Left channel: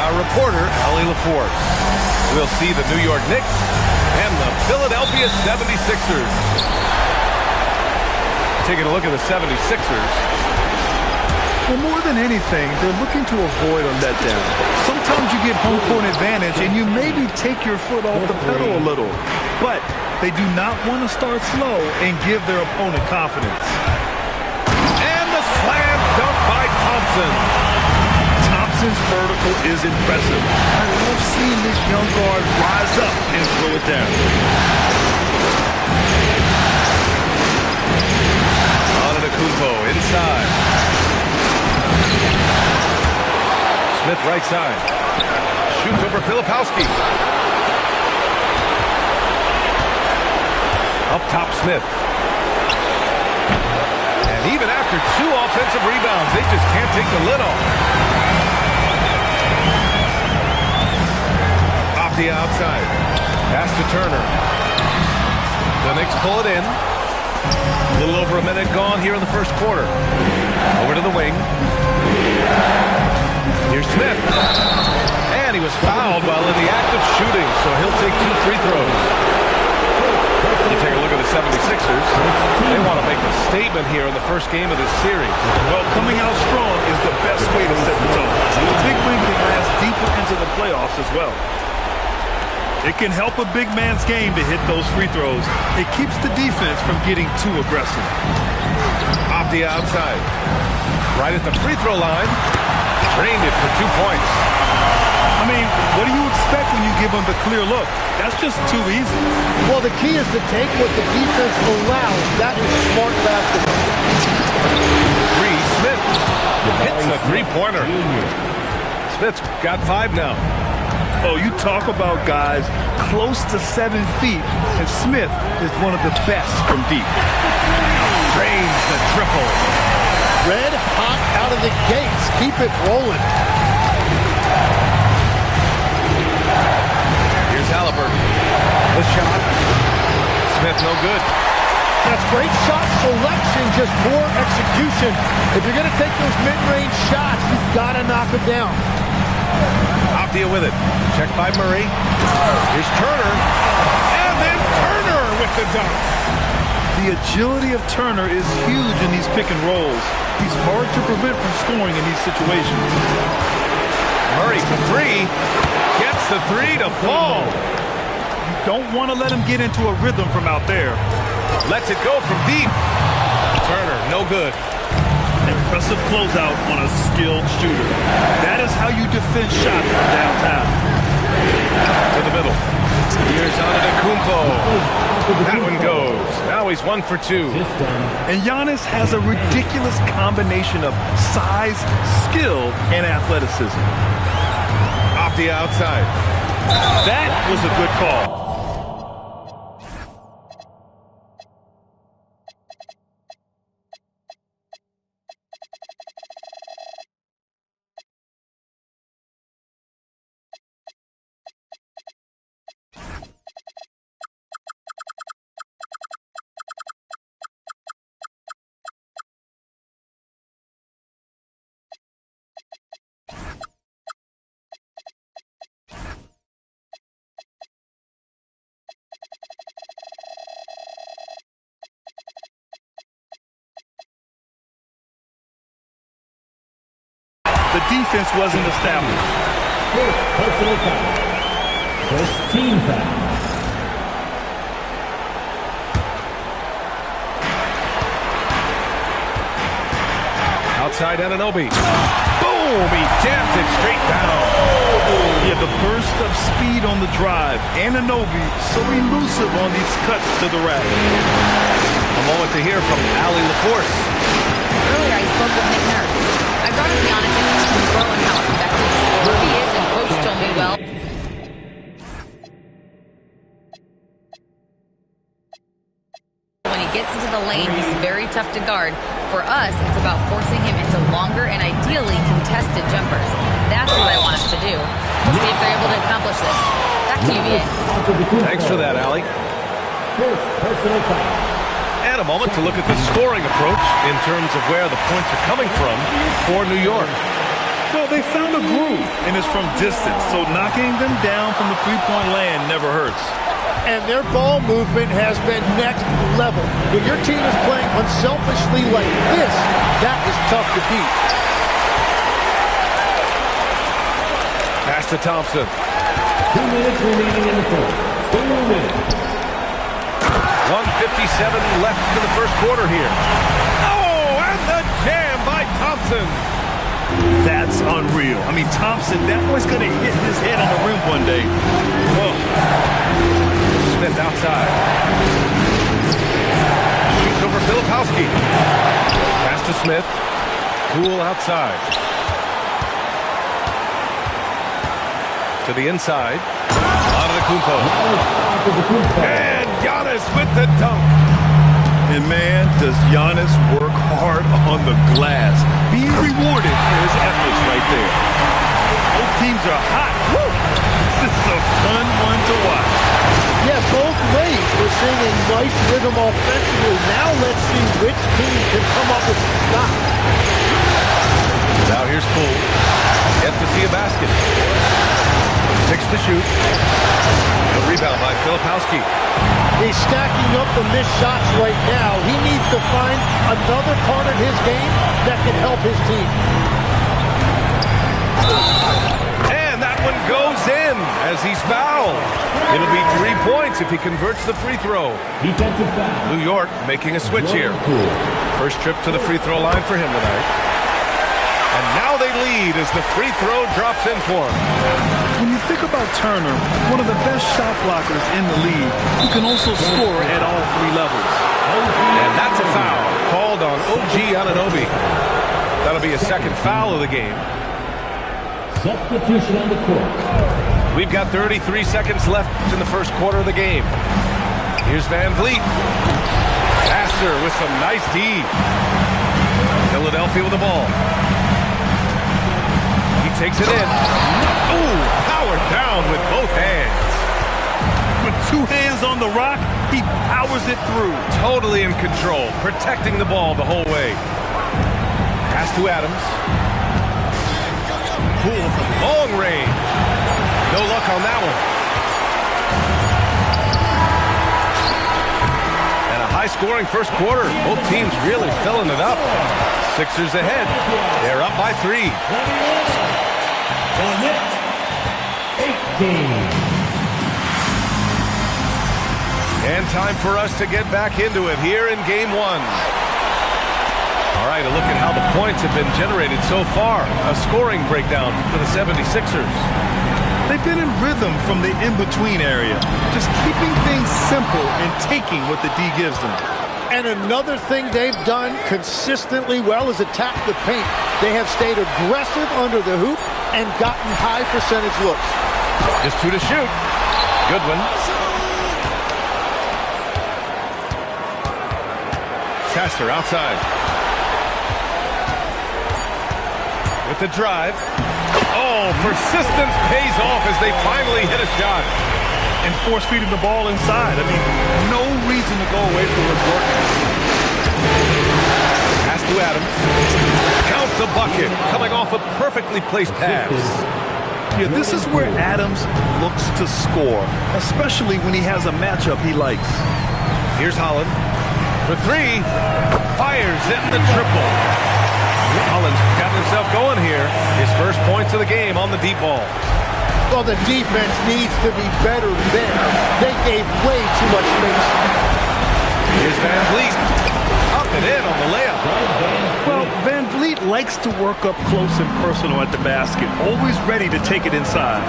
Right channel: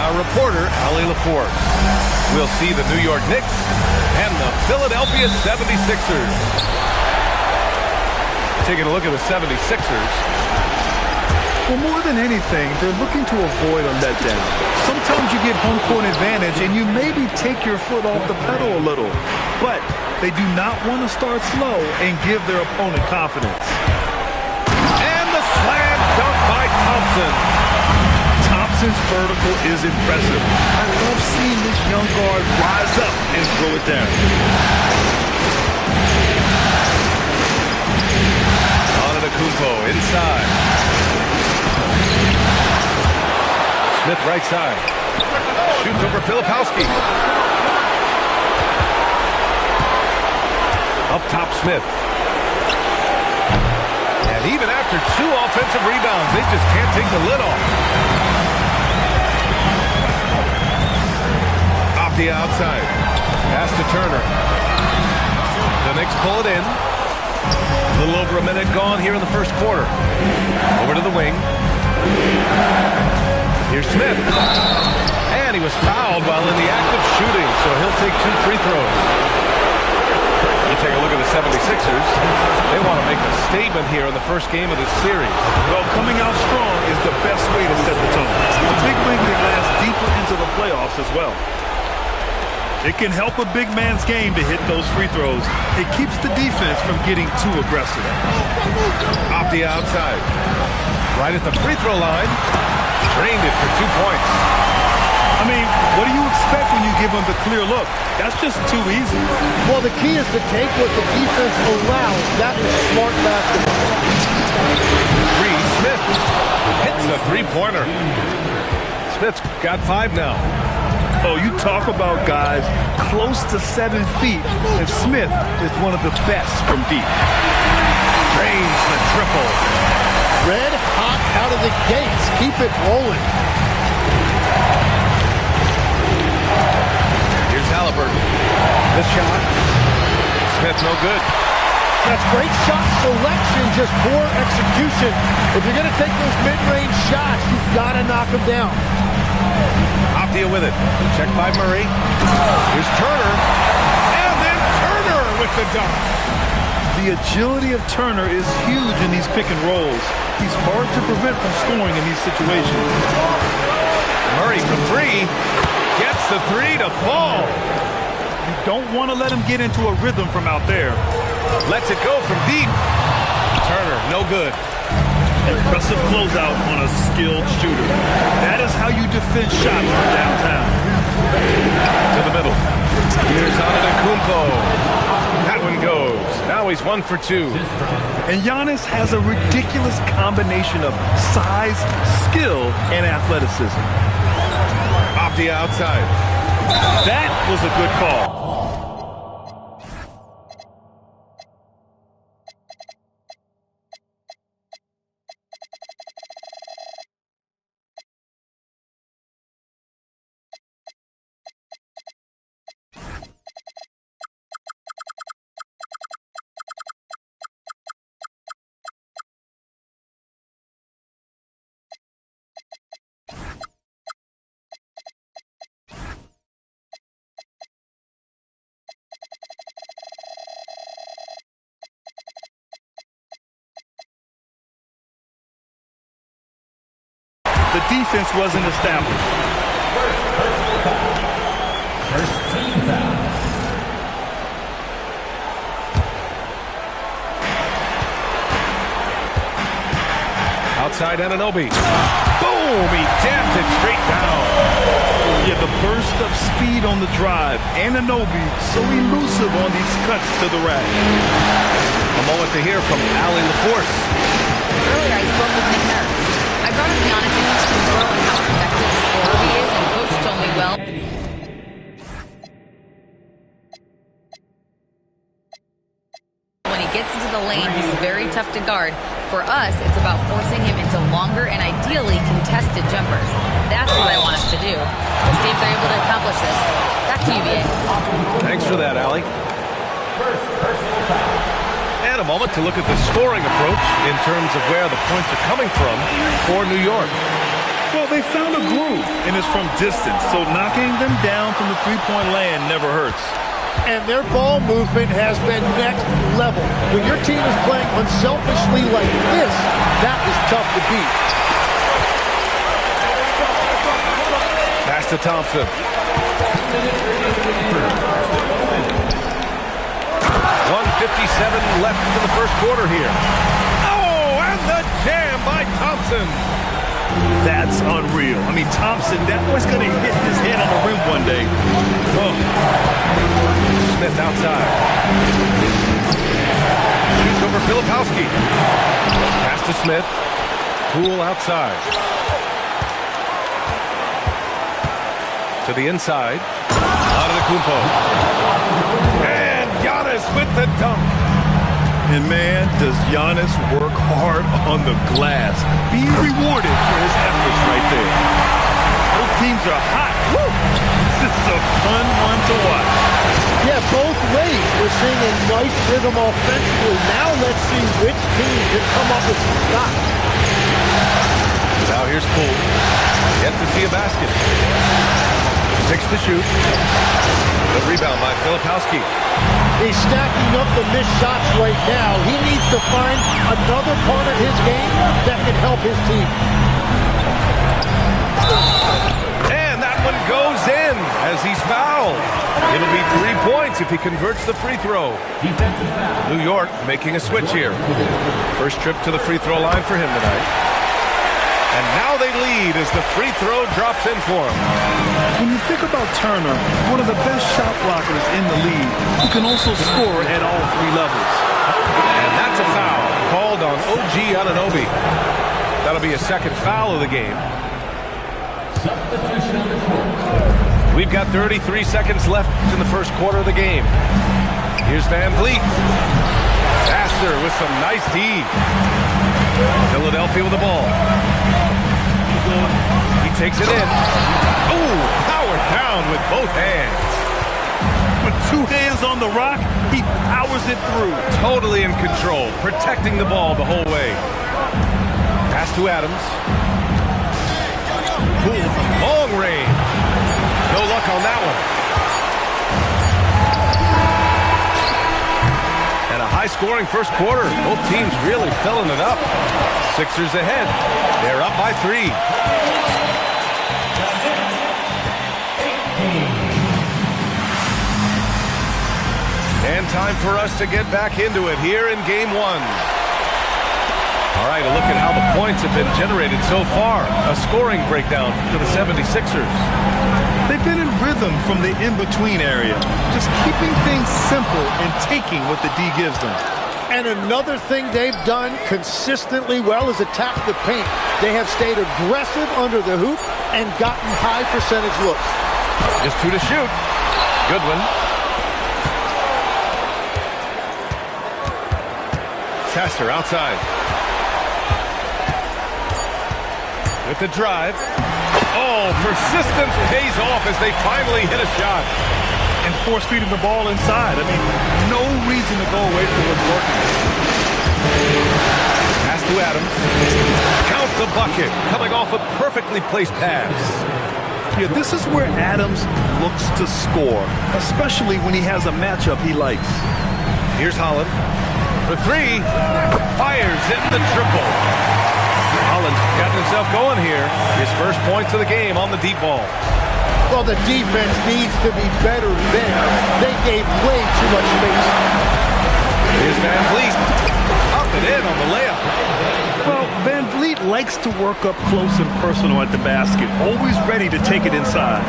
our reporter, Allie LaForce. We'll see the New York Knicks and the Philadelphia 76ers. Taking a look at the 76ers. Well, more than anything, they're looking to avoid a letdown. Sometimes you get home court advantage and you maybe take your foot off the pedal a little. But they do not want to start slow and give their opponent confidence. And the slam dunk by Thompson. Thompson's vertical is impressive. I love seeing this young guard rise up and throw it down. Antetokounmpo inside. Smith right side. Shoots over Filipowski. Up top Smith. And even after 2 offensive rebounds, they just can't take the lid off. Off the outside. Pass to Turner. The Knicks pull it in. A little over a minute gone here in the first quarter. Over to the wing. Here's Smith. And he was fouled while in the act of shooting, so he'll take 2 free throws. You take a look at the 76ers. They want to make a statement here in the first game of this series. Well, coming out strong is the best way to set the tone. The big win can last deeper into the playoffs as well. It can help a big man's game to hit those free throws. It keeps the defense from getting too aggressive. Off the outside. Right at the free throw line. Drained it for 2 points. I mean, what do you expect when you give them the clear look? That's just too easy. Well, the key is to take what the defense allows. That is smart basketball. Smith hits a three-pointer. Smith's got 5 now. Oh, you talk about guys close to 7 feet, and Smith is one of the best from deep. Drains the triple. Red hot out of the gates. Keep it rolling. Here's Halliburton. The shot. Smith no good. That's great shot selection, just poor execution. If you're going to take those mid-range shots, you've got to knock them down. Afdia with it. Checked by Murray. Here's Turner. And then Turner with the dunk. The agility of Turner is huge in these pick and rolls. He's hard to prevent from scoring in these situations. Murray for 3. Gets the 3 to fall. You don't want to let him get into a rhythm from out there. Lets it go from deep. Turner, no good. Impressive closeout on a skilled shooter. That is how you defend shots from downtown. To the middle. Here's Antetokounmpo. That one goes. Now he's 1 for 2. And Giannis has a ridiculous combination of size, skill, and athleticism. Off the outside. That was a good call. The defense wasn't established. Personal foul. First team foul. Outside Anunoby. Boom! He jams it straight down. Yeah, the burst of speed on the drive. Anunoby so elusive on these cuts to the rack. A moment to hear from Allie LaForce. Earlier, I spoke with Nick Nurse. I brought up Giannis Antetokounmpo and how effective a scorer he is, and Coach told me, well, when he gets into the lane, he's very tough to guard. For us, it's about forcing him into longer and ideally contested jumpers. That's what I want us to do. We'll see if they're able to accomplish this. Back to you, VA. Thanks for that, Allie. First personal foul. And a moment to look at the scoring approach in terms of where the points are coming from for New York. Well, they found a groove, and it's from distance, so knocking them down from the three-point land never hurts. And their ball movement has been next level. When your team is playing unselfishly like this, that is tough to beat. Pass to Thompson. 2 minutes remaining in the first. 2 minutes. 1:57 left in the first quarter here. Oh, and the jam by Thompson. That's unreal. I mean, Thompson, that boy's going to hit his head on the rim one day. Oh. Smith outside. Shoots over Filipowski. Pass to Smith. Poole outside. To the inside. Antetokounmpo. And Giannis with the dunk. And man, does Giannis work hard on the glass. Being rewarded for his efforts right there. Both teams are hot. Woo! This is a fun one to watch. Yeah, both ways. We're seeing a nice rhythm offensively. Now let's see which team can come up with some stops. Now here's Poole. Yet to see a basket. 6 to shoot. The rebound by Filipowski. He's stacking up the missed shots right now. He needs to find another part of his game that can help his team. And that one goes in as he's fouled. It'll be 3 points if he converts the free throw. Defensive foul. New York making a switch here. First trip to the free throw line for him tonight. And now they lead as the free throw drops in for him. When you think about Turner, one of the best shot blockers in the league, who can also score at all 3 levels. And that's a foul called on OG Anunoby. That'll be a second foul of the game. Substitution on the court. We've got 33 seconds left in the first quarter of the game. Here's Van Vliet. Sasser with some nice D. Philadelphia with the ball. He takes it in. Ooh, powered down with both hands. With 2 hands on the rock, he powers it through. Totally in control, protecting the ball the whole way. Pass to Adams. Poole from long range. No luck on that one. And a high-scoring first quarter. Both teams really filling it up. Sixers ahead. They're up by 3. And time for us to get back into it here in Game 1. All right, a look at how the points have been generated so far. A scoring breakdown for the 76ers. They've been in rhythm from the in-between area, just keeping things simple and taking what the D gives them. And another thing they've done consistently well is attack the paint. They have stayed aggressive under the hoop and gotten high percentage looks. Just 2 to shoot. Goodwin. Sasser outside. With the drive. Oh, persistence pays off as they finally hit a shot. And force feeding the ball inside. I mean, no reason to go away from what's working. Pass to Adams. Count the bucket. Coming off a perfectly placed pass. Yeah, this is where Adams looks to score, especially when he has a matchup he likes. Here's Holland. For 3. Fires in the triple. Holland's gotten himself going here. His first points of the game on the deep ball. Well, the defense needs to be better there. They gave way too much space. Here's Van Vliet. Up and in on the layup. Well, Van Vliet likes to work up close and personal at the basket, always ready to take it inside.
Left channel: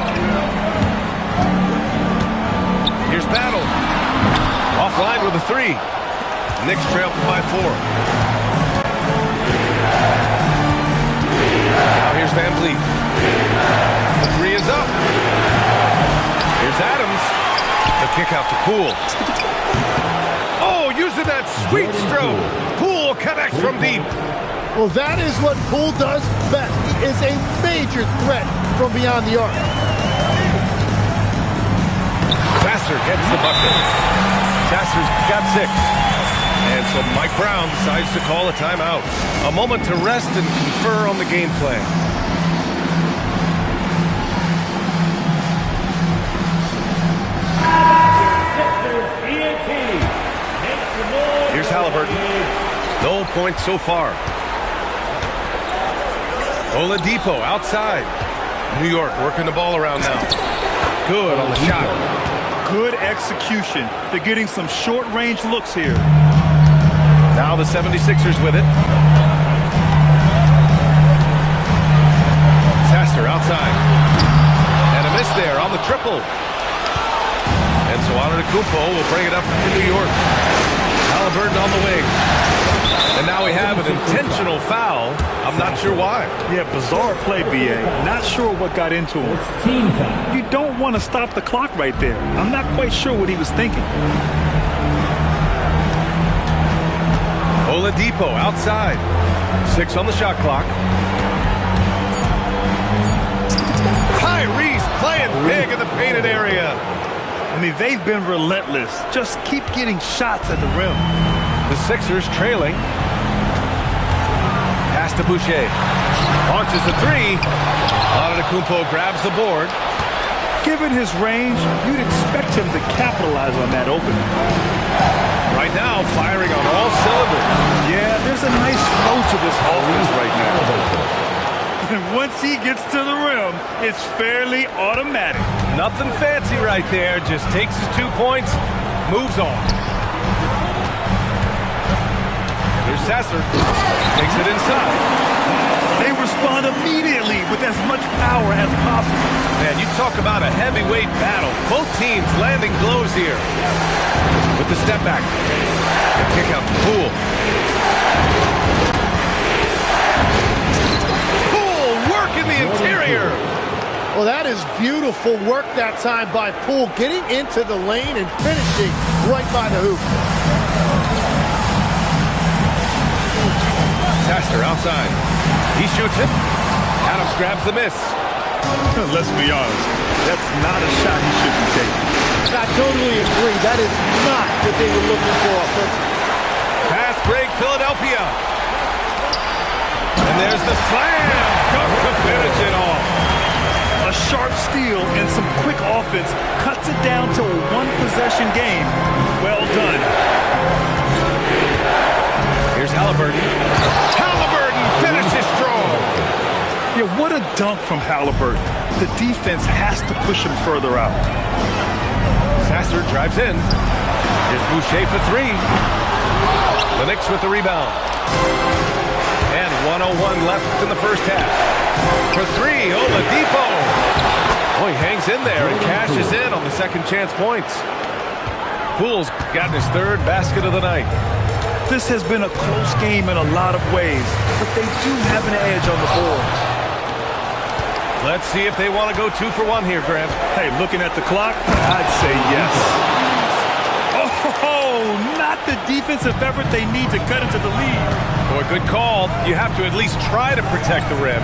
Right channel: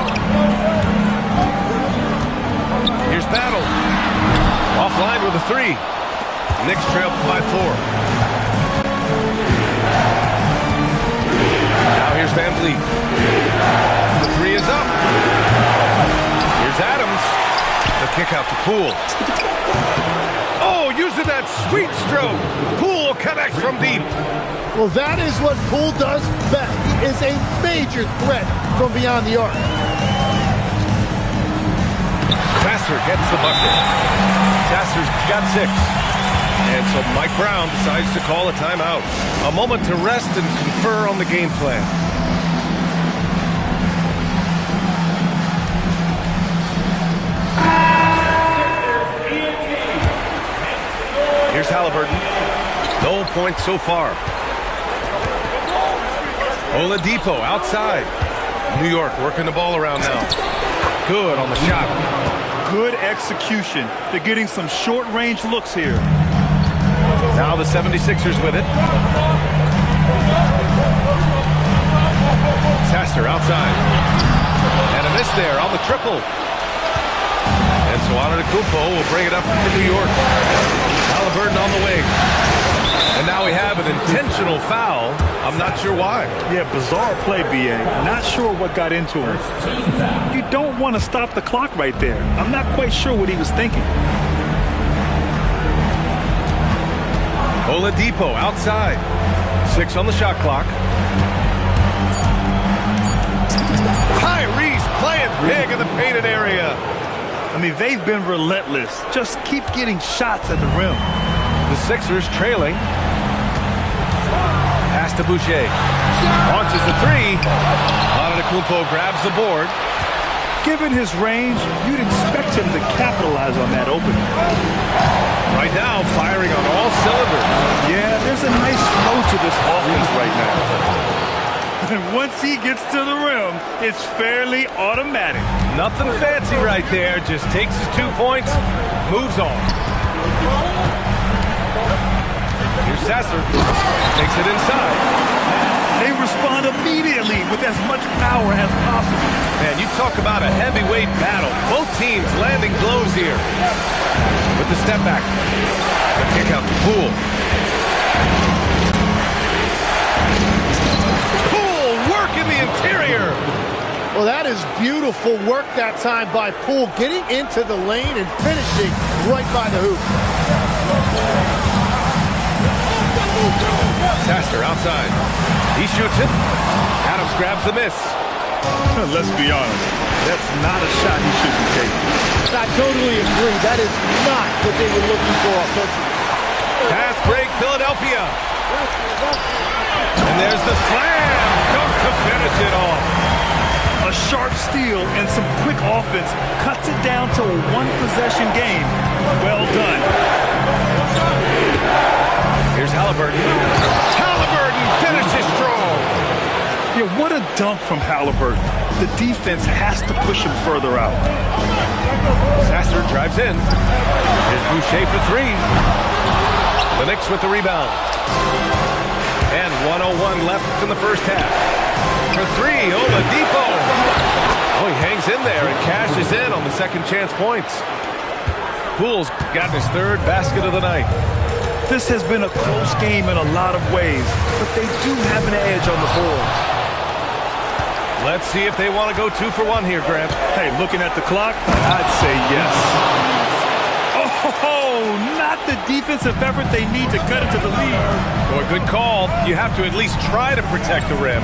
Here's Battle. Offline with a 3. Knicks trail by 4. Now here's Van Vliet. The 3 is up. Here's Adams. The kick out to Poole. Oh, using that sweet stroke. Poole connects from deep. Well, that is what Poole does best. He is a major threat from beyond the arc. Sasser gets the bucket. Sasser's got 6. And so Mike Brown decides to call a timeout. A moment to rest and confer on the game plan. Halliburton. No points so far. Oladipo outside. New York working the ball around now. Good on the shot. Good execution. They're getting some short-range looks here. Now the 76ers with it. Sasser outside. And a miss there on the triple. And so Antetokounmpo will bring it up for New York. Halliburton on the wing. And now we have an intentional foul. I'm not sure why. Yeah, bizarre play, B.A. Not sure what got into him. Team foul. You don't want to stop the clock right there. I'm not quite sure what he was thinking. Oladipo outside. 6 on the shot clock. Tyrese playing big in the painted area. I mean, they've been relentless. Just keep getting shots at the rim. The Sixers trailing. Pass to Boucher. Launches the three. Antetokounmpo grabs the board. Given his range, you'd expect him to capitalize on that opening. Right now, firing on all cylinders. Yeah, there's a nice flow to this offense right now. And once he gets to the rim, it's fairly automatic. Nothing fancy right there. Just takes his 2 points, moves on. Here's Sasser. Takes it inside. They respond immediately with as much power as possible. Man, you talk about a heavyweight battle. Both teams landing blows here. With the step back. The kick out to Poole. Poole work in the interior. Well, that is beautiful work that time by Poole, getting into the lane and finishing right by the hoop. Sasser outside. He shoots it. Adams grabs the miss. Let's be honest, that's not a shot he should be taking. I totally agree. That is not what they were looking for offensively. Fast break, Philadelphia. And there's the slam. Dunk to finish it off. A sharp steal and some quick offense cuts it down to a one-possession game. Well done. Here's Halliburton. Halliburton finishes strong. Yeah, what a dunk from Halliburton. The defense has to push him further out. Sasser drives in. Here's Boucher for three. The Knicks with the rebound. And 1:01 left in the first half. For three, Oladipo. Oh, he hangs in there and cashes in on the second chance points. Poole's gotten his third basket of the night. This has been a close game in a lot of ways, but they do have an edge on the boards. Let's see if they want to go 2 for 1 here, Grant. Hey, looking at the clock, I'd say yes. Oh, not the defensive effort they need to cut into the lead. Boy, good call. You have to at least try to protect the rim.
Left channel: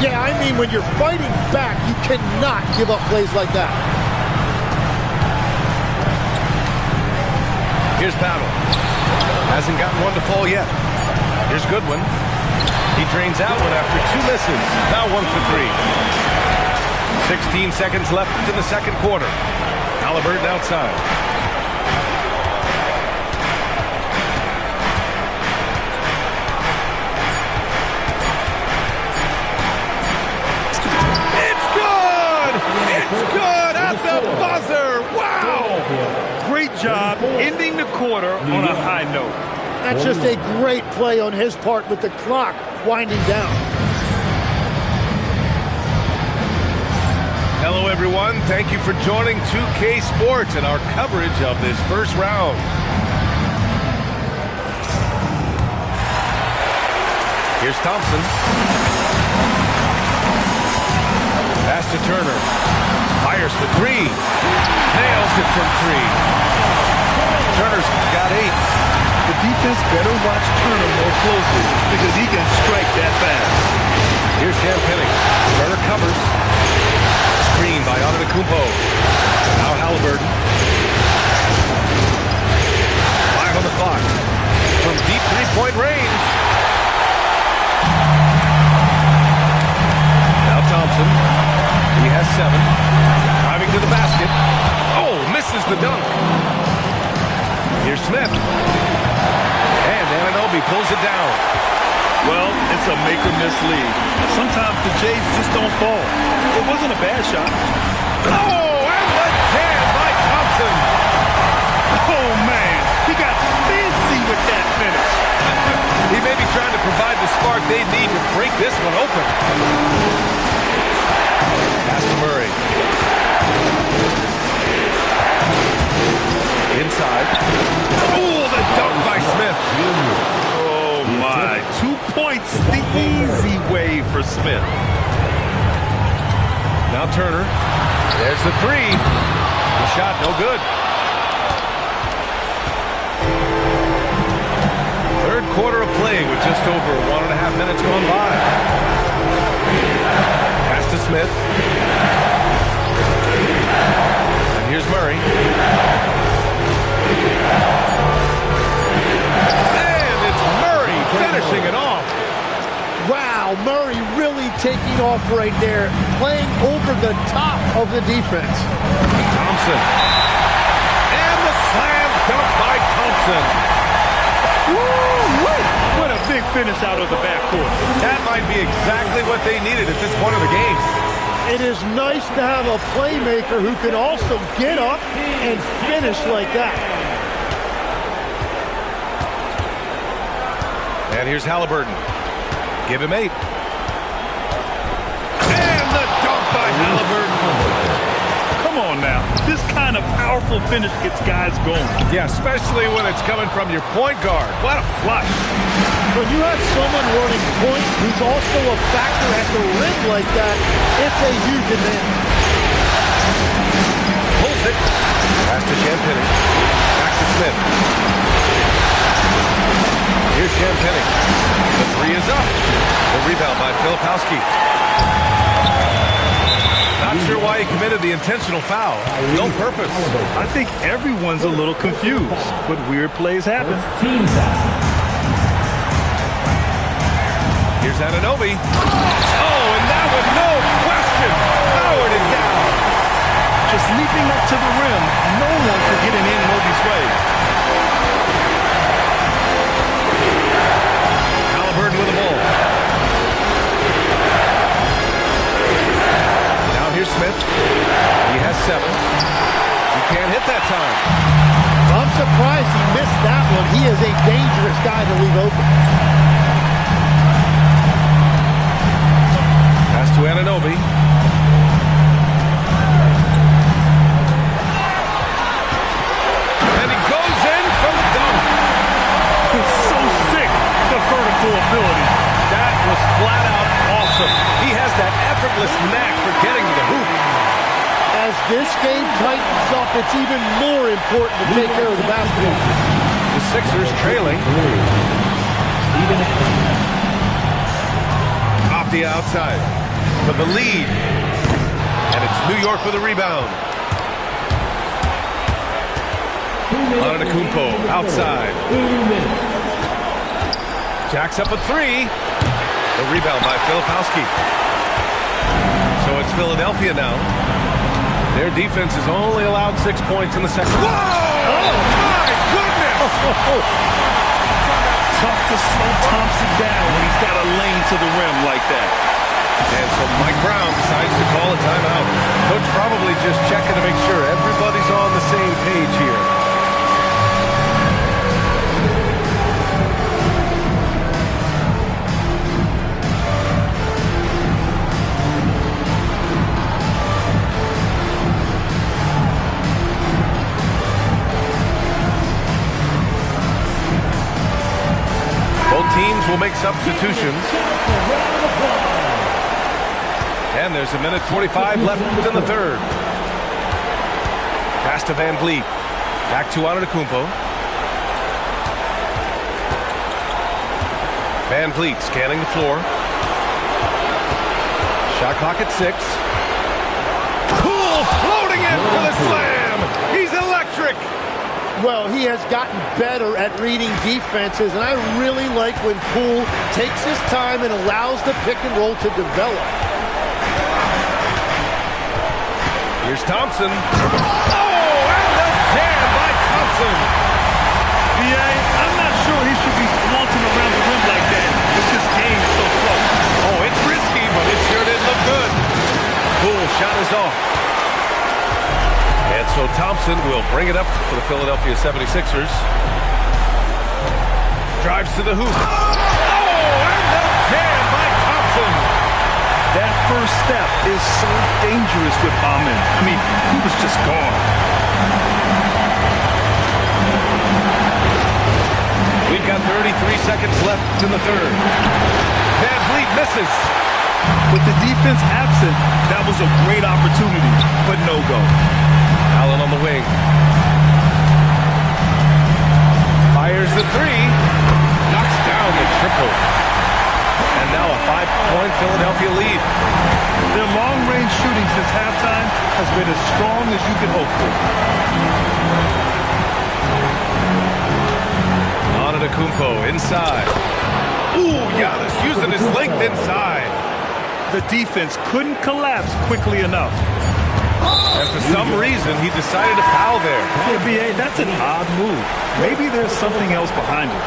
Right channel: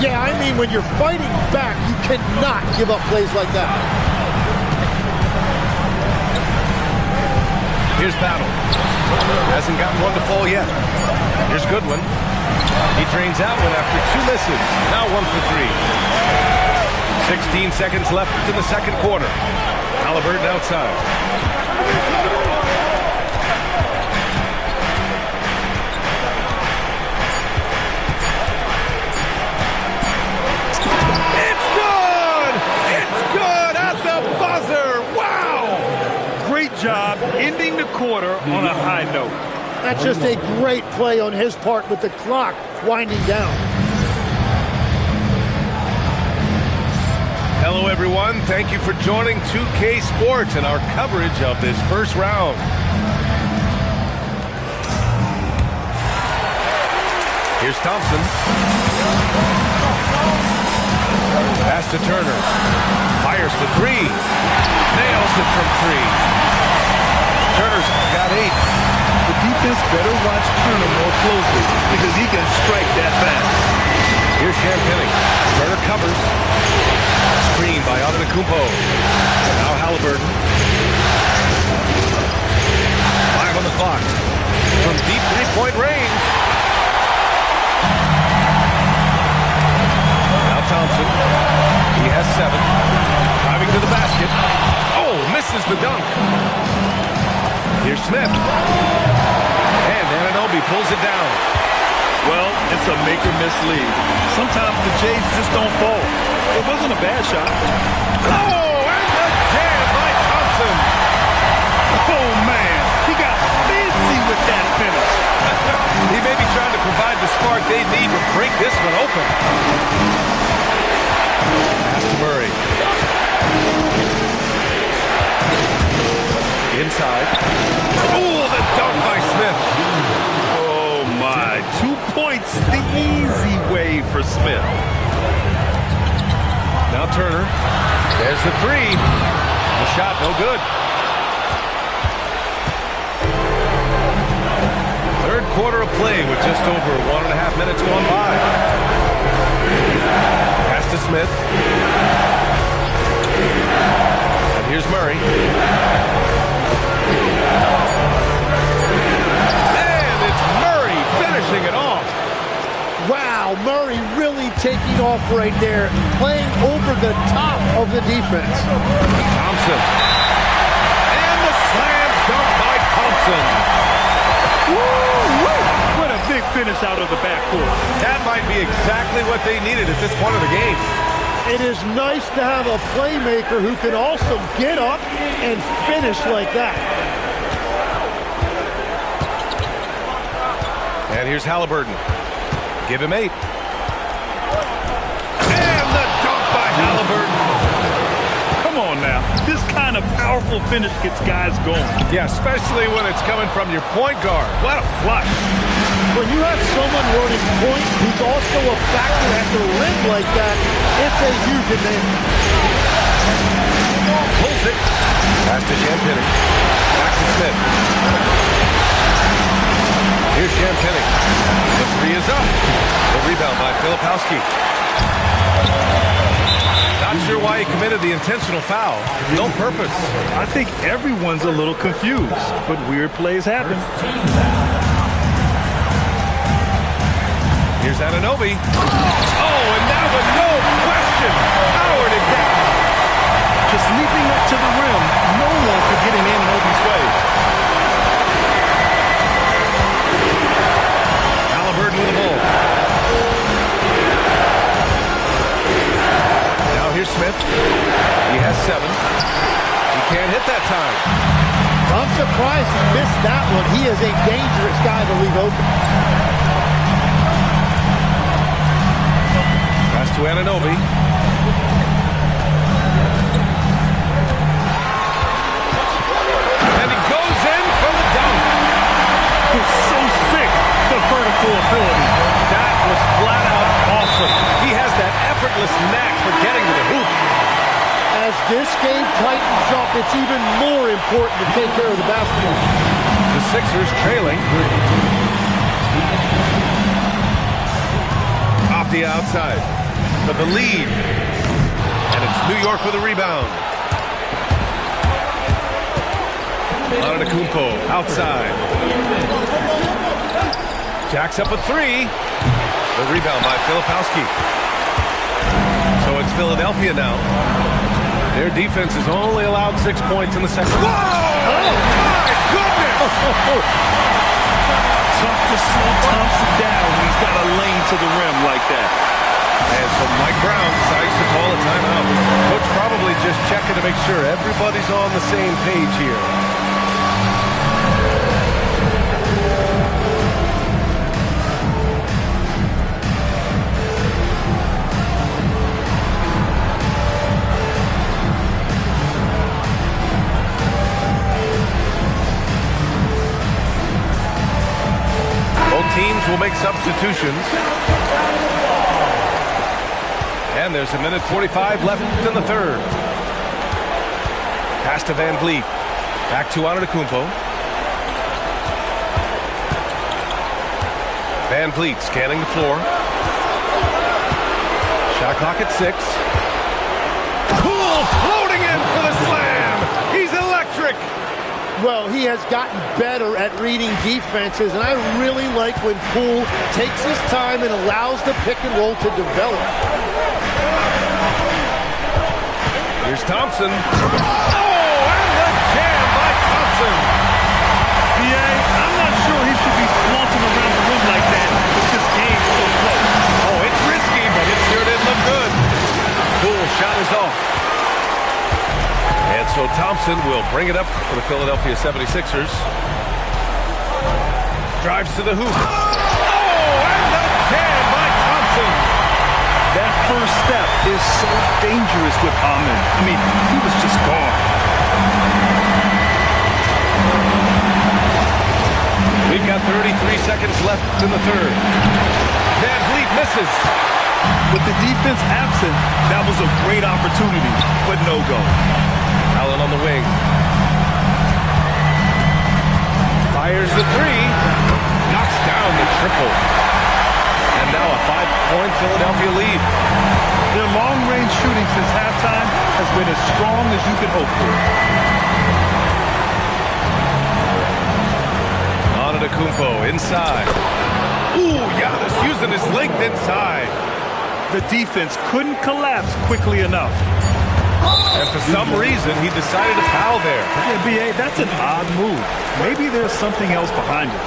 Yeah, I mean, when you're fighting back, you cannot give up plays like that. Here's Battle. Hasn't gotten one to fall yet. Here's Goodwin. He drains out one after 2 misses. Now 1 for 3. 16 seconds left in the second quarter. Halliburton outside. It's good! It's good at the buzzer! Wow! Great job ending the quarter on a high note. That's just a great play on his part with the clock winding down. Hello, everyone. Thank you for joining 2K Sports and our coverage of this first round. Here's Thompson. Pass to Turner. Fires for 3. Nails it from 3. Turner's got 8. The defense better watch Turner more closely because he can strike that fast. Here's Champagny. Turner covers. Screen by Antetokounmpo. Now Halliburton. 5 on the clock. From deep three-point range. Now Thompson. He has 7. Driving to the basket. Oh, misses the dunk. Here's Smith. And Anunoby pulls it down. Well, it's a make-or-miss league. Sometimes the Jays just don't fall. It wasn't a bad shot. Oh, and the jam by Thompson. Oh, man. He got fancy with that finish. He may be trying to provide the spark they need to break this one open. Pass to Murray. Inside. Oh, the dunk by Smith. Oh, my. 2 points the easy way for Smith. Now Turner. There's the three. The shot, no good. Third quarter of play with just over 1.5 minutes gone by. Pass to Smith. And here's Murray. And it's Murray finishing it off. Wow, Murray really taking off right there, playing over the top of the defense. Thompson. And the slam dunk by Thompson. Woo! What a big finish out of the backcourt. That might be exactly what they needed at this point of the game. It is nice to have a playmaker who can also get up and finish like that. And here's Halliburton. Give him 8. And the dunk by Halliburton. Come on now. This kind of powerful finish gets guys going. Yeah, especially when it's coming from your point guard. What a flush. When you have someone running point who's also a factor at the rim like that, it's a huge advantage. Pulls it. Pass to Champagny. Back to Smith. Here's Champagny. The three is up. The rebound by Filipowski. Not sure why he committed the intentional foul. No purpose. I think everyone's a little confused, but weird plays happen. Here's Anunoby. Oh, and that one, no question, powered it down. Just leaping up to the rim, no one could get in Anunoby's way. Halliburton with the ball. Now here's Smith. He has 7. He can't hit that time. I'm surprised he missed that one. He is a dangerous guy to leave open. Pass to Anunoby. And he goes in for the dunk. It's so sick, the vertical ability. That was flat out awesome. He has that effortless knack for getting to the hoop. As this game tightens up, it's even more important to take care of the basketball. The Sixers trailing. Off the outside for the lead. And it's New York with a rebound. Antetokounmpo outside. Jacks up a 3. The rebound by Filipowski. So it's Philadelphia now. Their defense has only allowed 6 points in the second. Whoa! Oh, my goodness! Tough to slow Thompson down when he's got a lane to the rim like that. And so Mike Brown decides to call a timeout. Coach probably just checking to make sure everybody's on the same page here. Both teams will make substitutions. And there's 1:45 left in the third. Pass to Van Vliet. Back to Antetokounmpo. Van Vliet scanning the floor. Shot clock at 6. Poole floating in for the slam. He's electric. Well, he has gotten better at reading defenses, and I really like when Poole takes his time and allows the pick and roll to develop. Here's Thompson. Oh, and the jam by Thompson. BA, I'm not sure he should be flaunting around the rim like that with this game so close. Oh, it's risky, but it sure did look good. Cool, shot is off. And so Thompson will bring it up for the Philadelphia 76ers. Drives to the hoop. Oh, and the jam by Thompson. That first step is so dangerous with Amin. I mean, he was just gone. We've got 33 seconds left in the third. Van Vliet misses. With the defense absent, that was a great opportunity, but no go. Allen on the wing. Fires the three. Knocks down the triple. And now a 5-point Philadelphia lead. Their long-range shooting since halftime has been as strong as you could hope for. Antetokounmpo inside. Ooh, Giannis using his length inside. The defense couldn't collapse quickly enough. And for some reason, he decided to foul there. Yeah, BA, that's an odd move. Maybe there's something else behind it.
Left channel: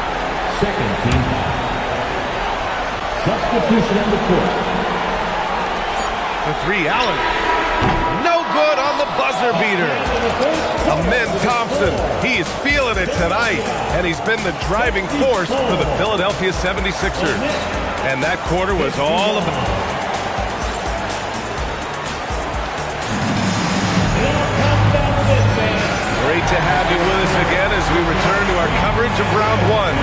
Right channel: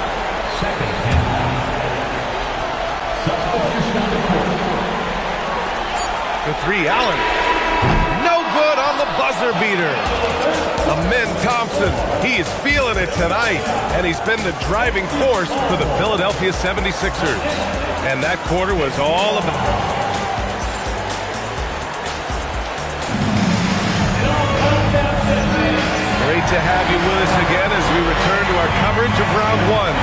Second team foul. Substitution on the court. The three, Allen. No good on the buzzer beater. Amin Thompson, he is feeling it tonight, and he's been the driving force for the Philadelphia 76ers. And that quarter was all about... Great to have you with us again as we return to our coverage of round one.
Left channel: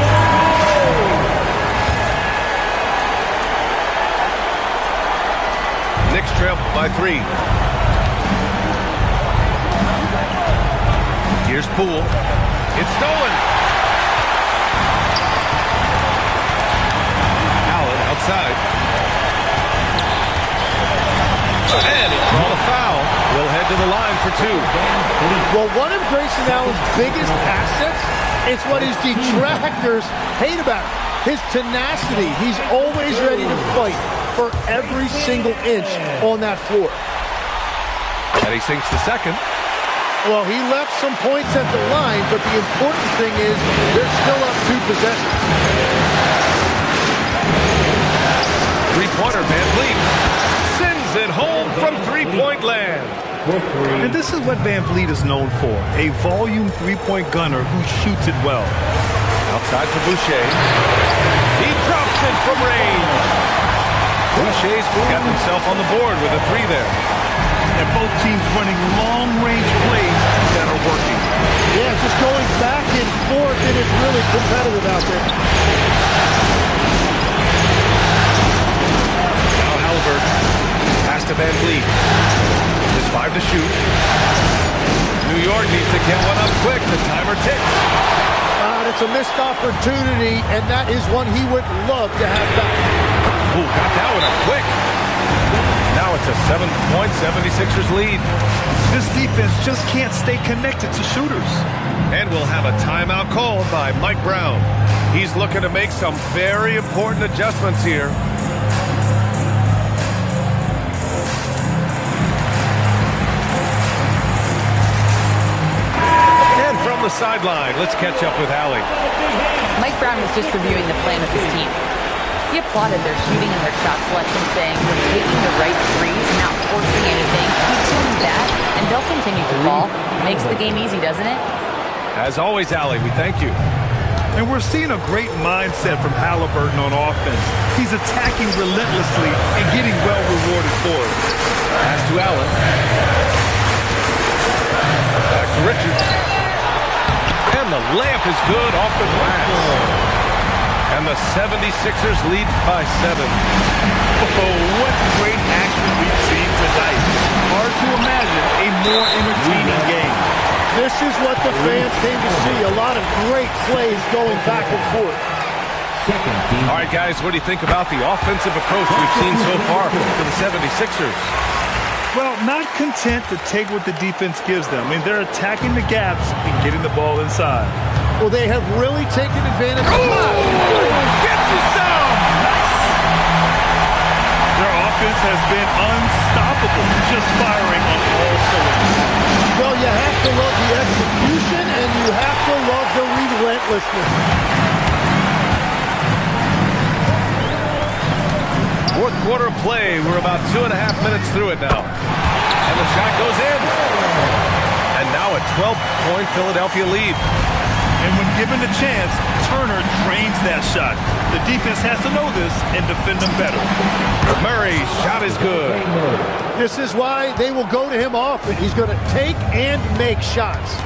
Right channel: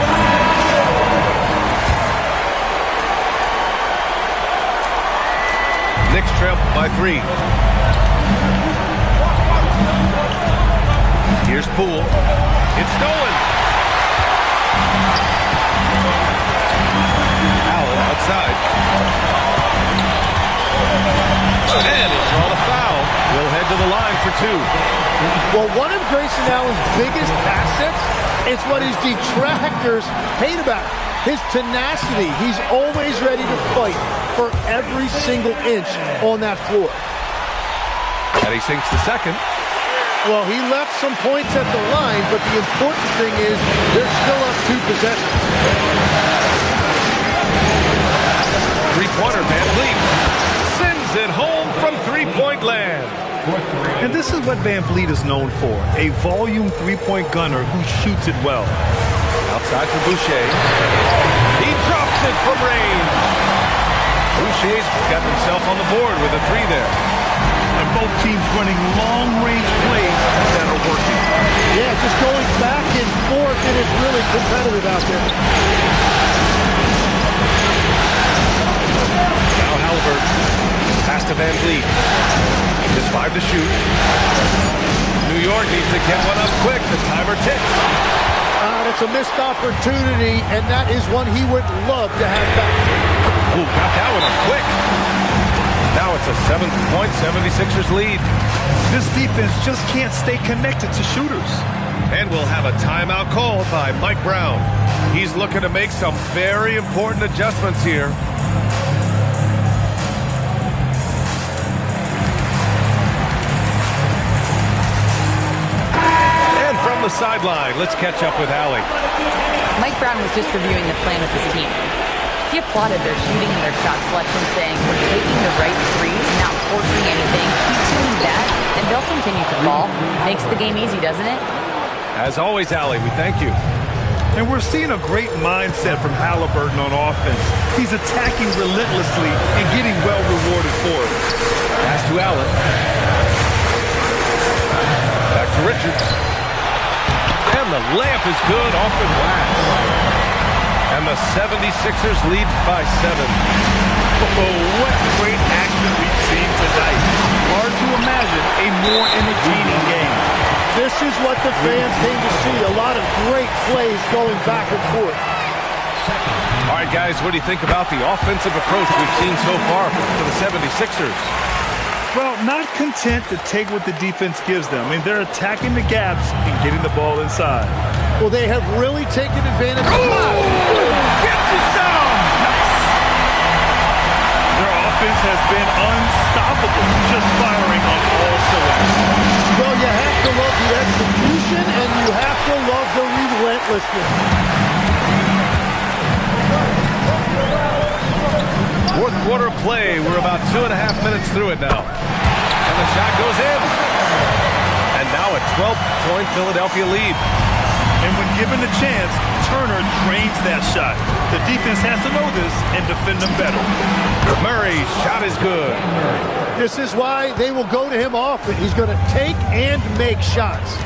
Knicks trail by 3. Here's Poole. It's stolen. Allen outside. And he'll draw the foul. He'll head to the line for 2. Well, one of Grayson Allen's biggest assets is what his detractors hate about him. His tenacity. He's always ready to fight for every single inch on that floor. And he sinks the second. Well, he left some points at the line, but the important thing is they're still up 2 possessions. Three-pointer, Van Vliet sends it home from three-point land. And this is what Van Vliet is known for, a volume three-point gunner who shoots it well. Outside for Boucher. He drops it from range. Boucher's got himself on the board with a 3 there. And both teams running long-range plays that are working. Yeah, just going back and forth, it is really competitive out there. Now Halliburton. Pass to Van Vliet. Just 5 to shoot. New York needs to get one up quick. The timer ticks. That's a missed opportunity, and that is one he would love to have back. Ooh, got that one up quick. Now it's a 7-point 76ers lead. This defense just can't stay connected to shooters. And we'll have a timeout called by Mike Brown. He's looking to make some very important adjustments here. And from the sideline, let's catch up with Allie. Mike Brown was just reviewing the plan with his team. He applauded their shooting and their shot selection, saying, we're taking the right threes, not forcing anything. Keep doing that, and they'll continue to fall. Makes the game easy, doesn't it? As always, Allie, we thank you. And we're seeing a great mindset from Halliburton on offense. He's attacking relentlessly and getting well rewarded for it. Pass to Allen. Back to Richards. And the layup is good off the glass. And the 76ers lead by 7. Oh, what great action we've seen tonight. Hard to imagine a more entertaining game. This is what the fans came to see. A lot of great plays going back and forth. All right, guys, what do you think about the offensive approach we've seen so far for the 76ers? Well, not content to take what the defense gives them. I mean, they're attacking the gaps and getting the ball inside. Well, they have really taken advantage of Get you some! Nice. Their defense has been unstoppable, just firing on all cylinders. Well, you have to love the execution, and you have to love the relentlessness. Fourth quarter play. We're about 2.5 minutes through it now. And the shot goes in. And now a 12-point Philadelphia lead. And when given the chance, Turner drains that shot. The defense has to know this and defend them better. Murray's shot is good. This is why they will go to him often. He's going to take and make shots.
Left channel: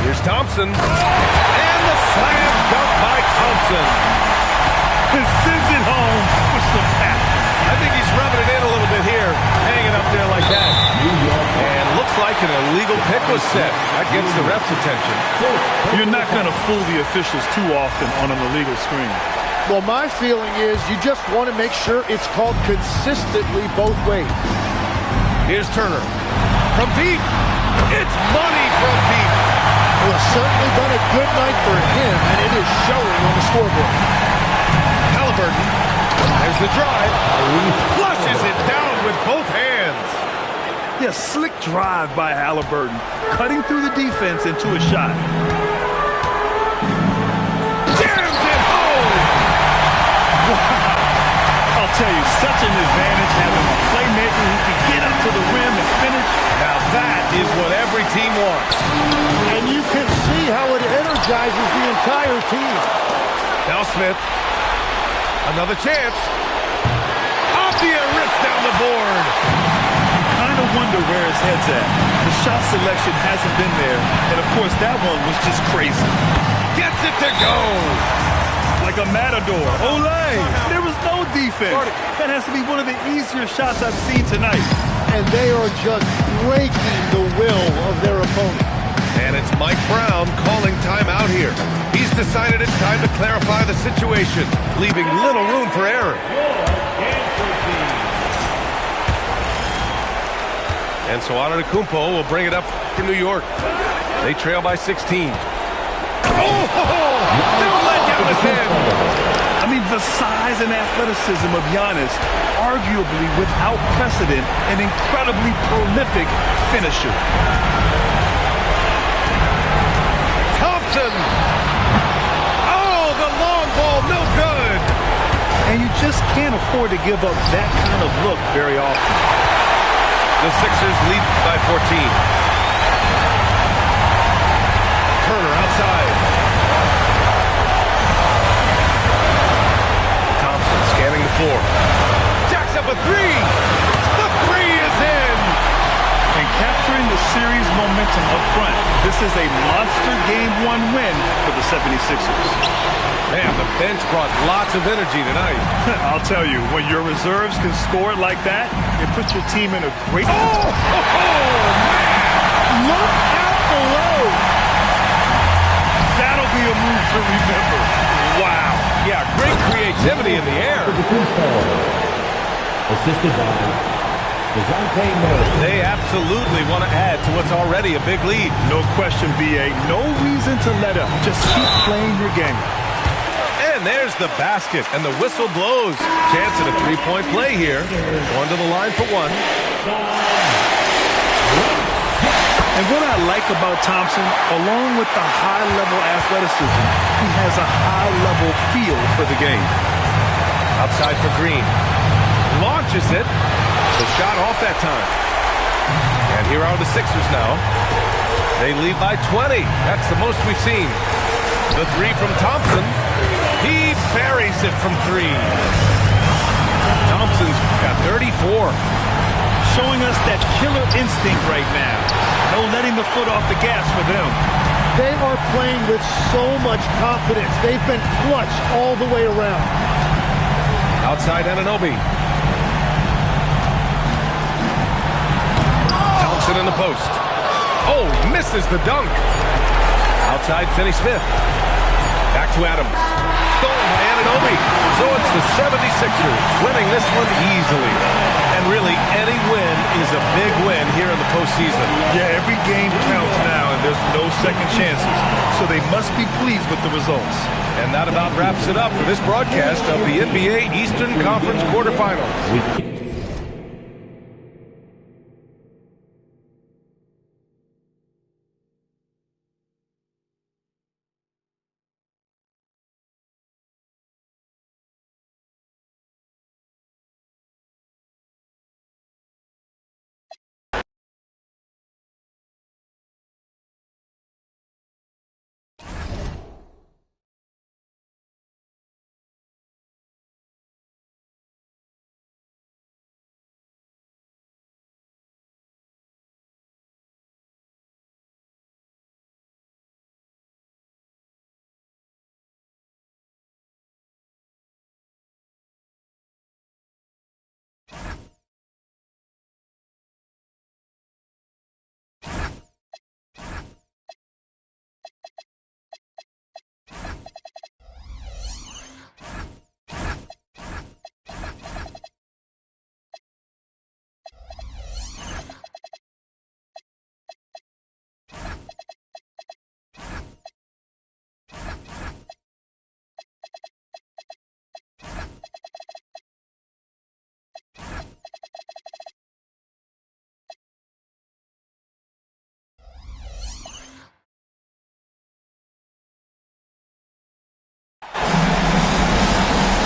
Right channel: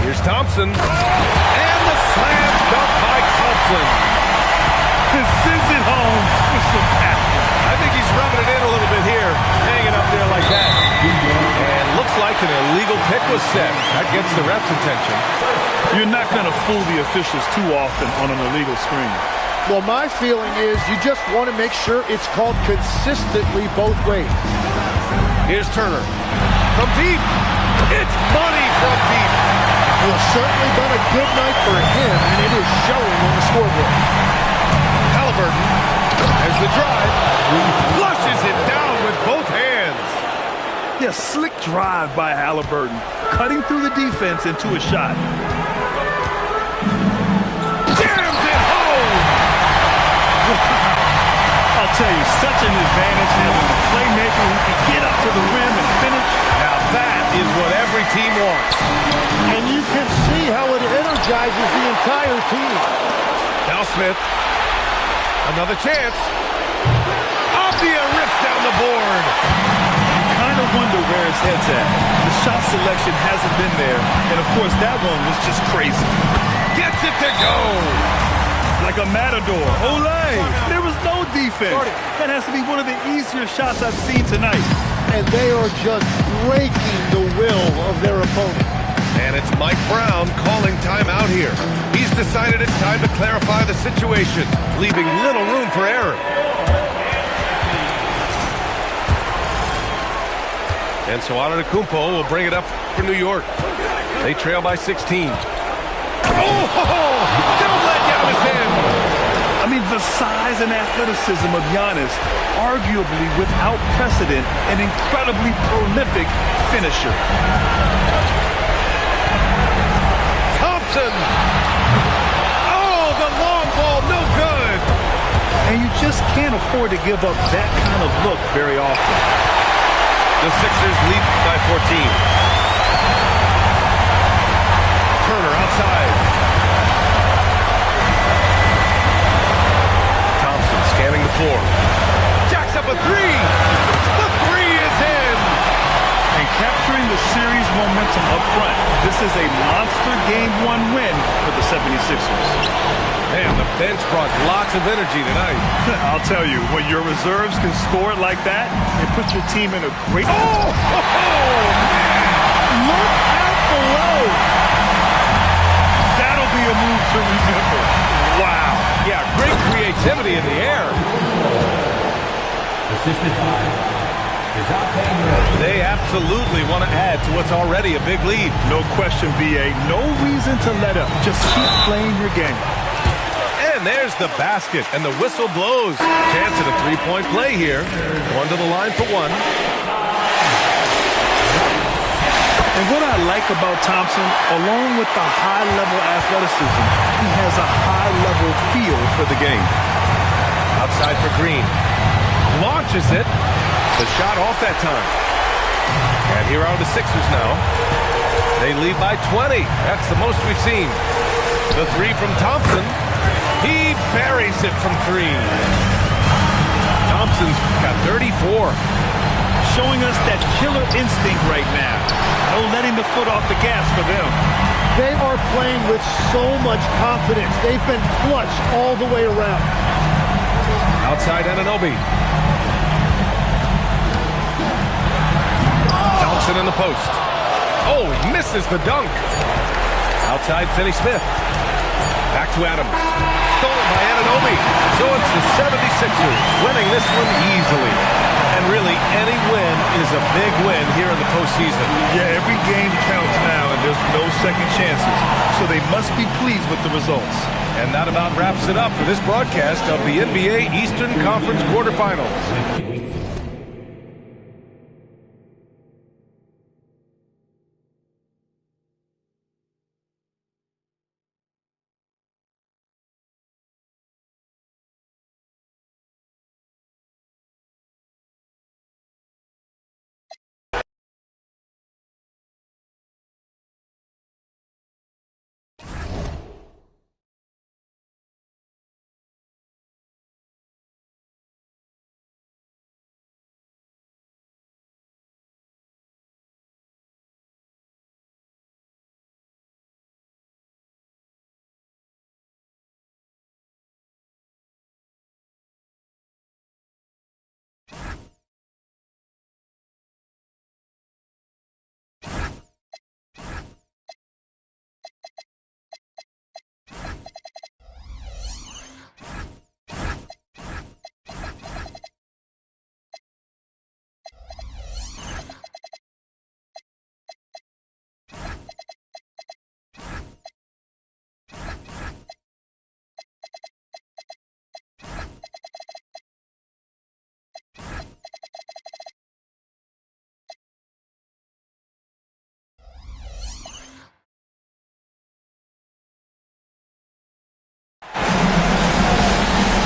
Here's Thompson. And the slam dunk by Thompson. And sends it home with some passion. I think he's rubbing it in a little bit here, hanging up there like that. And looks like an illegal pick was set. That gets the ref's attention. You're not going to fool the officials too often on an illegal screen. Well, my feeling is you just want to make sure it's called consistently both ways. Here's Turner. From deep. It's money from deep. Well, it's certainly been a good night for him, and it is showing on the scoreboard. Halliburton. There's the drive. Flushes it down with both hands. Yeah, slick drive by Halliburton, cutting through the defense into a shot. Jams it home. Wow. I'll tell you, such an advantage having a playmaker who can get up to the rim and finish. Now that is what every team wants. And you can see how it energizes the entire team. Now Smith. Another chance. Apia rips down the board. You kind of wonder where his head's at. The shot selection hasn't been there. And, of course, that one was just crazy. Gets it to go. Like a matador. Olay! There was no defense. That has to be one of the easier shots I've seen tonight. And they are just breaking the will of their opponent. And it's Mike Brown calling timeout here. He's decided it's time to clarify the situation, leaving little room for error. And so Antetokounmpo will bring it up for New York. They trail by 16. Oh! Don't let Giannis in! I mean, the size and athleticism of Giannis, arguably without precedent, an incredibly prolific finisher. Thompson! Oh, the long ball, no good! And you just can't afford to give up that kind of look very often. The Sixers lead by 14. Turner outside. Thompson scanning the floor. Jacks up a three! The three is in! And capturing the series momentum up front. This is a monster Game 1 win for the 76ers. Man, the bench brought lots of energy tonight. I'll tell you, when your reserves can score it like that, it puts your team in a great... Oh, man! Look out below! That'll be a move to remember. Wow. Yeah, great creativity in the air. Assisted by Murray. They absolutely want to add to what's already a big lead. No question, B.A. No reason to let up. Just keep playing your game. And there's the basket, and the whistle blows. Chance at a three-point play here. Going to the line for one. And what I like about Thompson, along with the high-level athleticism, he has a high-level feel for the game. Outside for Green. Launches it. The shot off that time. And here are the Sixers now. They lead by 20. That's the most we've seen. The three from Thompson. He buries it from three. Thompson's got 34. Showing us that killer instinct right now. No letting the foot off the gas for them. They are playing with so much confidence. They've been clutch all the way around. Outside Anunoby. Thompson in the post. Oh, he misses the dunk. Outside Finney Smith. Back to Adams. Stolen by Anunoby. So it's the 76ers winning this one easily. And really, any win is a big win here in the postseason. Yeah, every game counts now, and there's no second chances. So they must be pleased with the results. And that about wraps it up for this broadcast of the NBA Eastern Conference quarterfinals.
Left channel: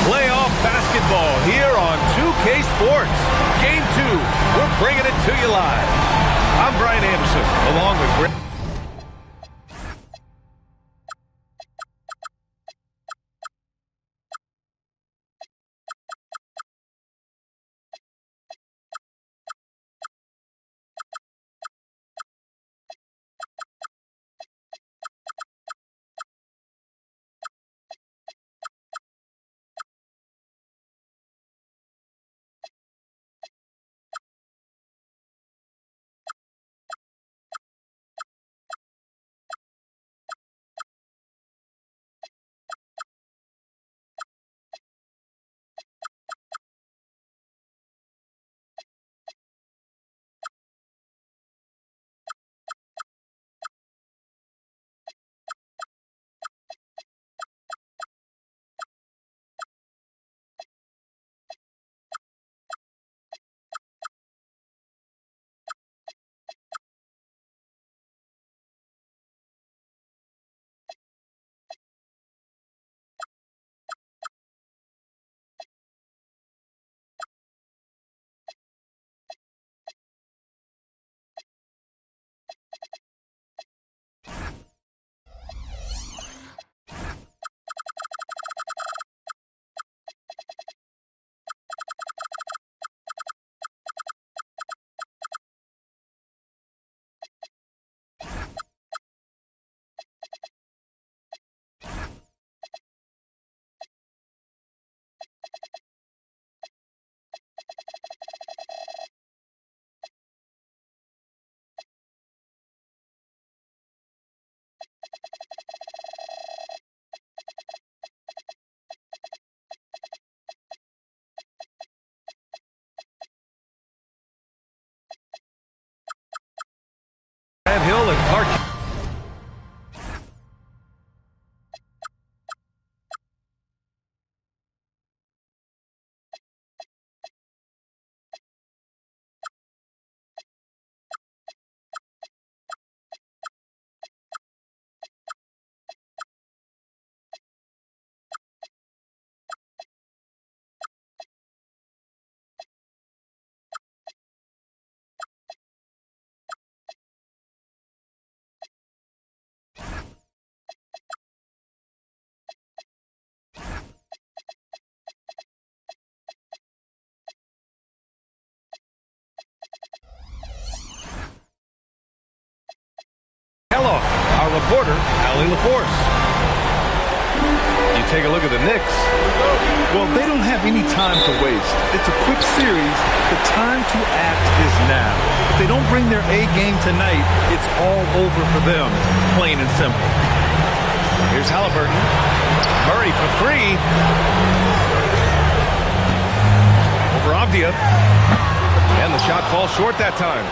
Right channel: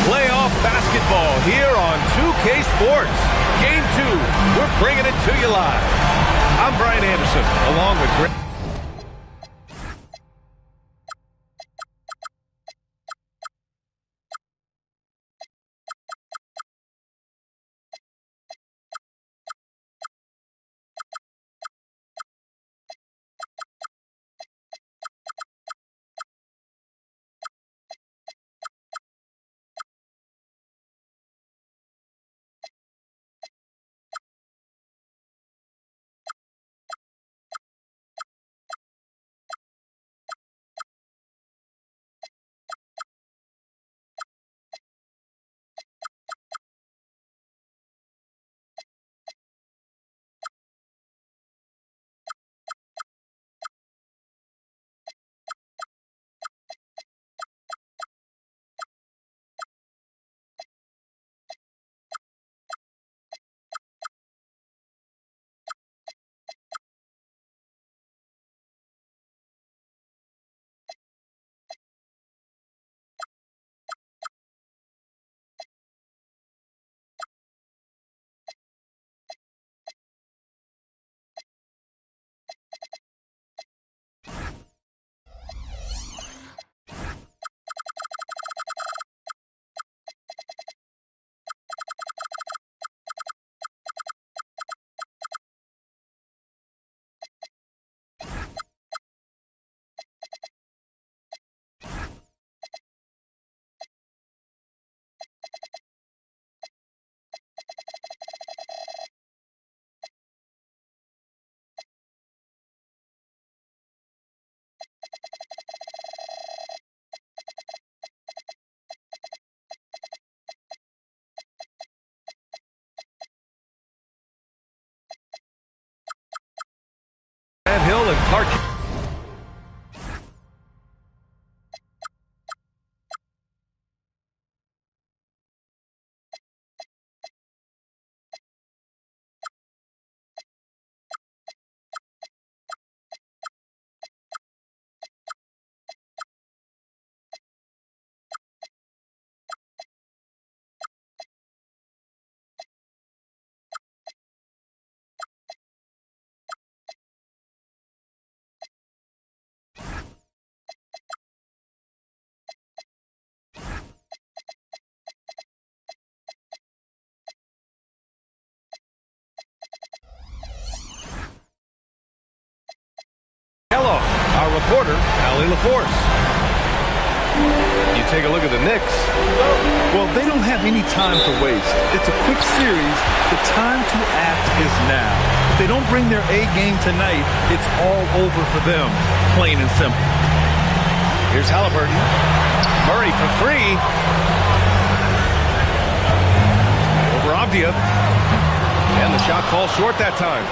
Playoff basketball here on 2K Sports. Game 2, we're bringing it to you live. I'm Brian Anderson, along with Greg. Hill and Clark. Hello, our reporter, Allie LaForce. You take a look at the Knicks. Well, they don't have any time to waste. It's a quick series. The time to act is now. If they don't bring their A game tonight, it's all over for them, plain and simple. Here's Halliburton. Murray for three. Over Avdia. And the shot falls short that time.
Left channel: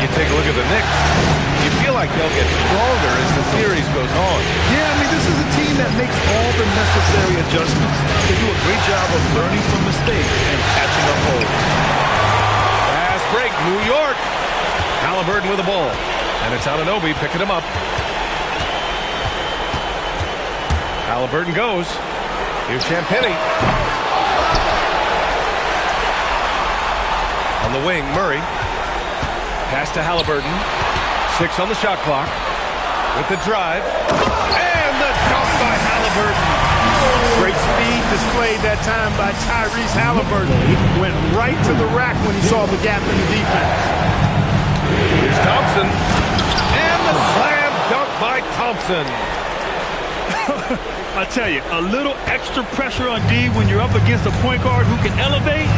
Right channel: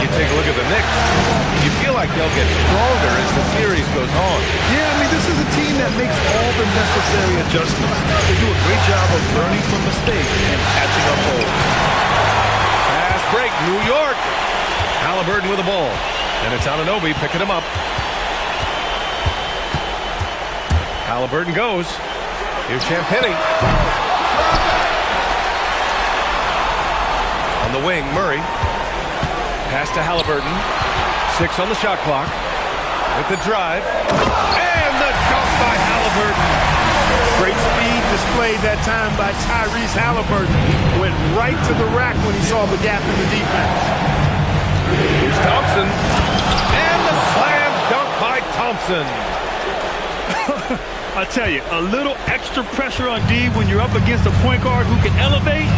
You take a look at the Knicks. You feel like they'll get stronger as the series goes on. Yeah, I mean, this is a team that makes all the necessary adjustments. They do a great job of learning from mistakes and patching up holes. Fast break, New York. Halliburton with the ball. And it's Anunoby picking him up. Halliburton goes. Here's Champagnie. On the wing, Murray. Pass to Halliburton. 6 on the shot clock. With the drive. And the dunk by Halliburton. Great speed displayed that time by Tyrese Halliburton. Went right to the rack when he saw the gap in the defense. Here's Thompson. And the slam dunk by Thompson. I tell you, a little extra pressure on D when you're up against a point guard who can elevate.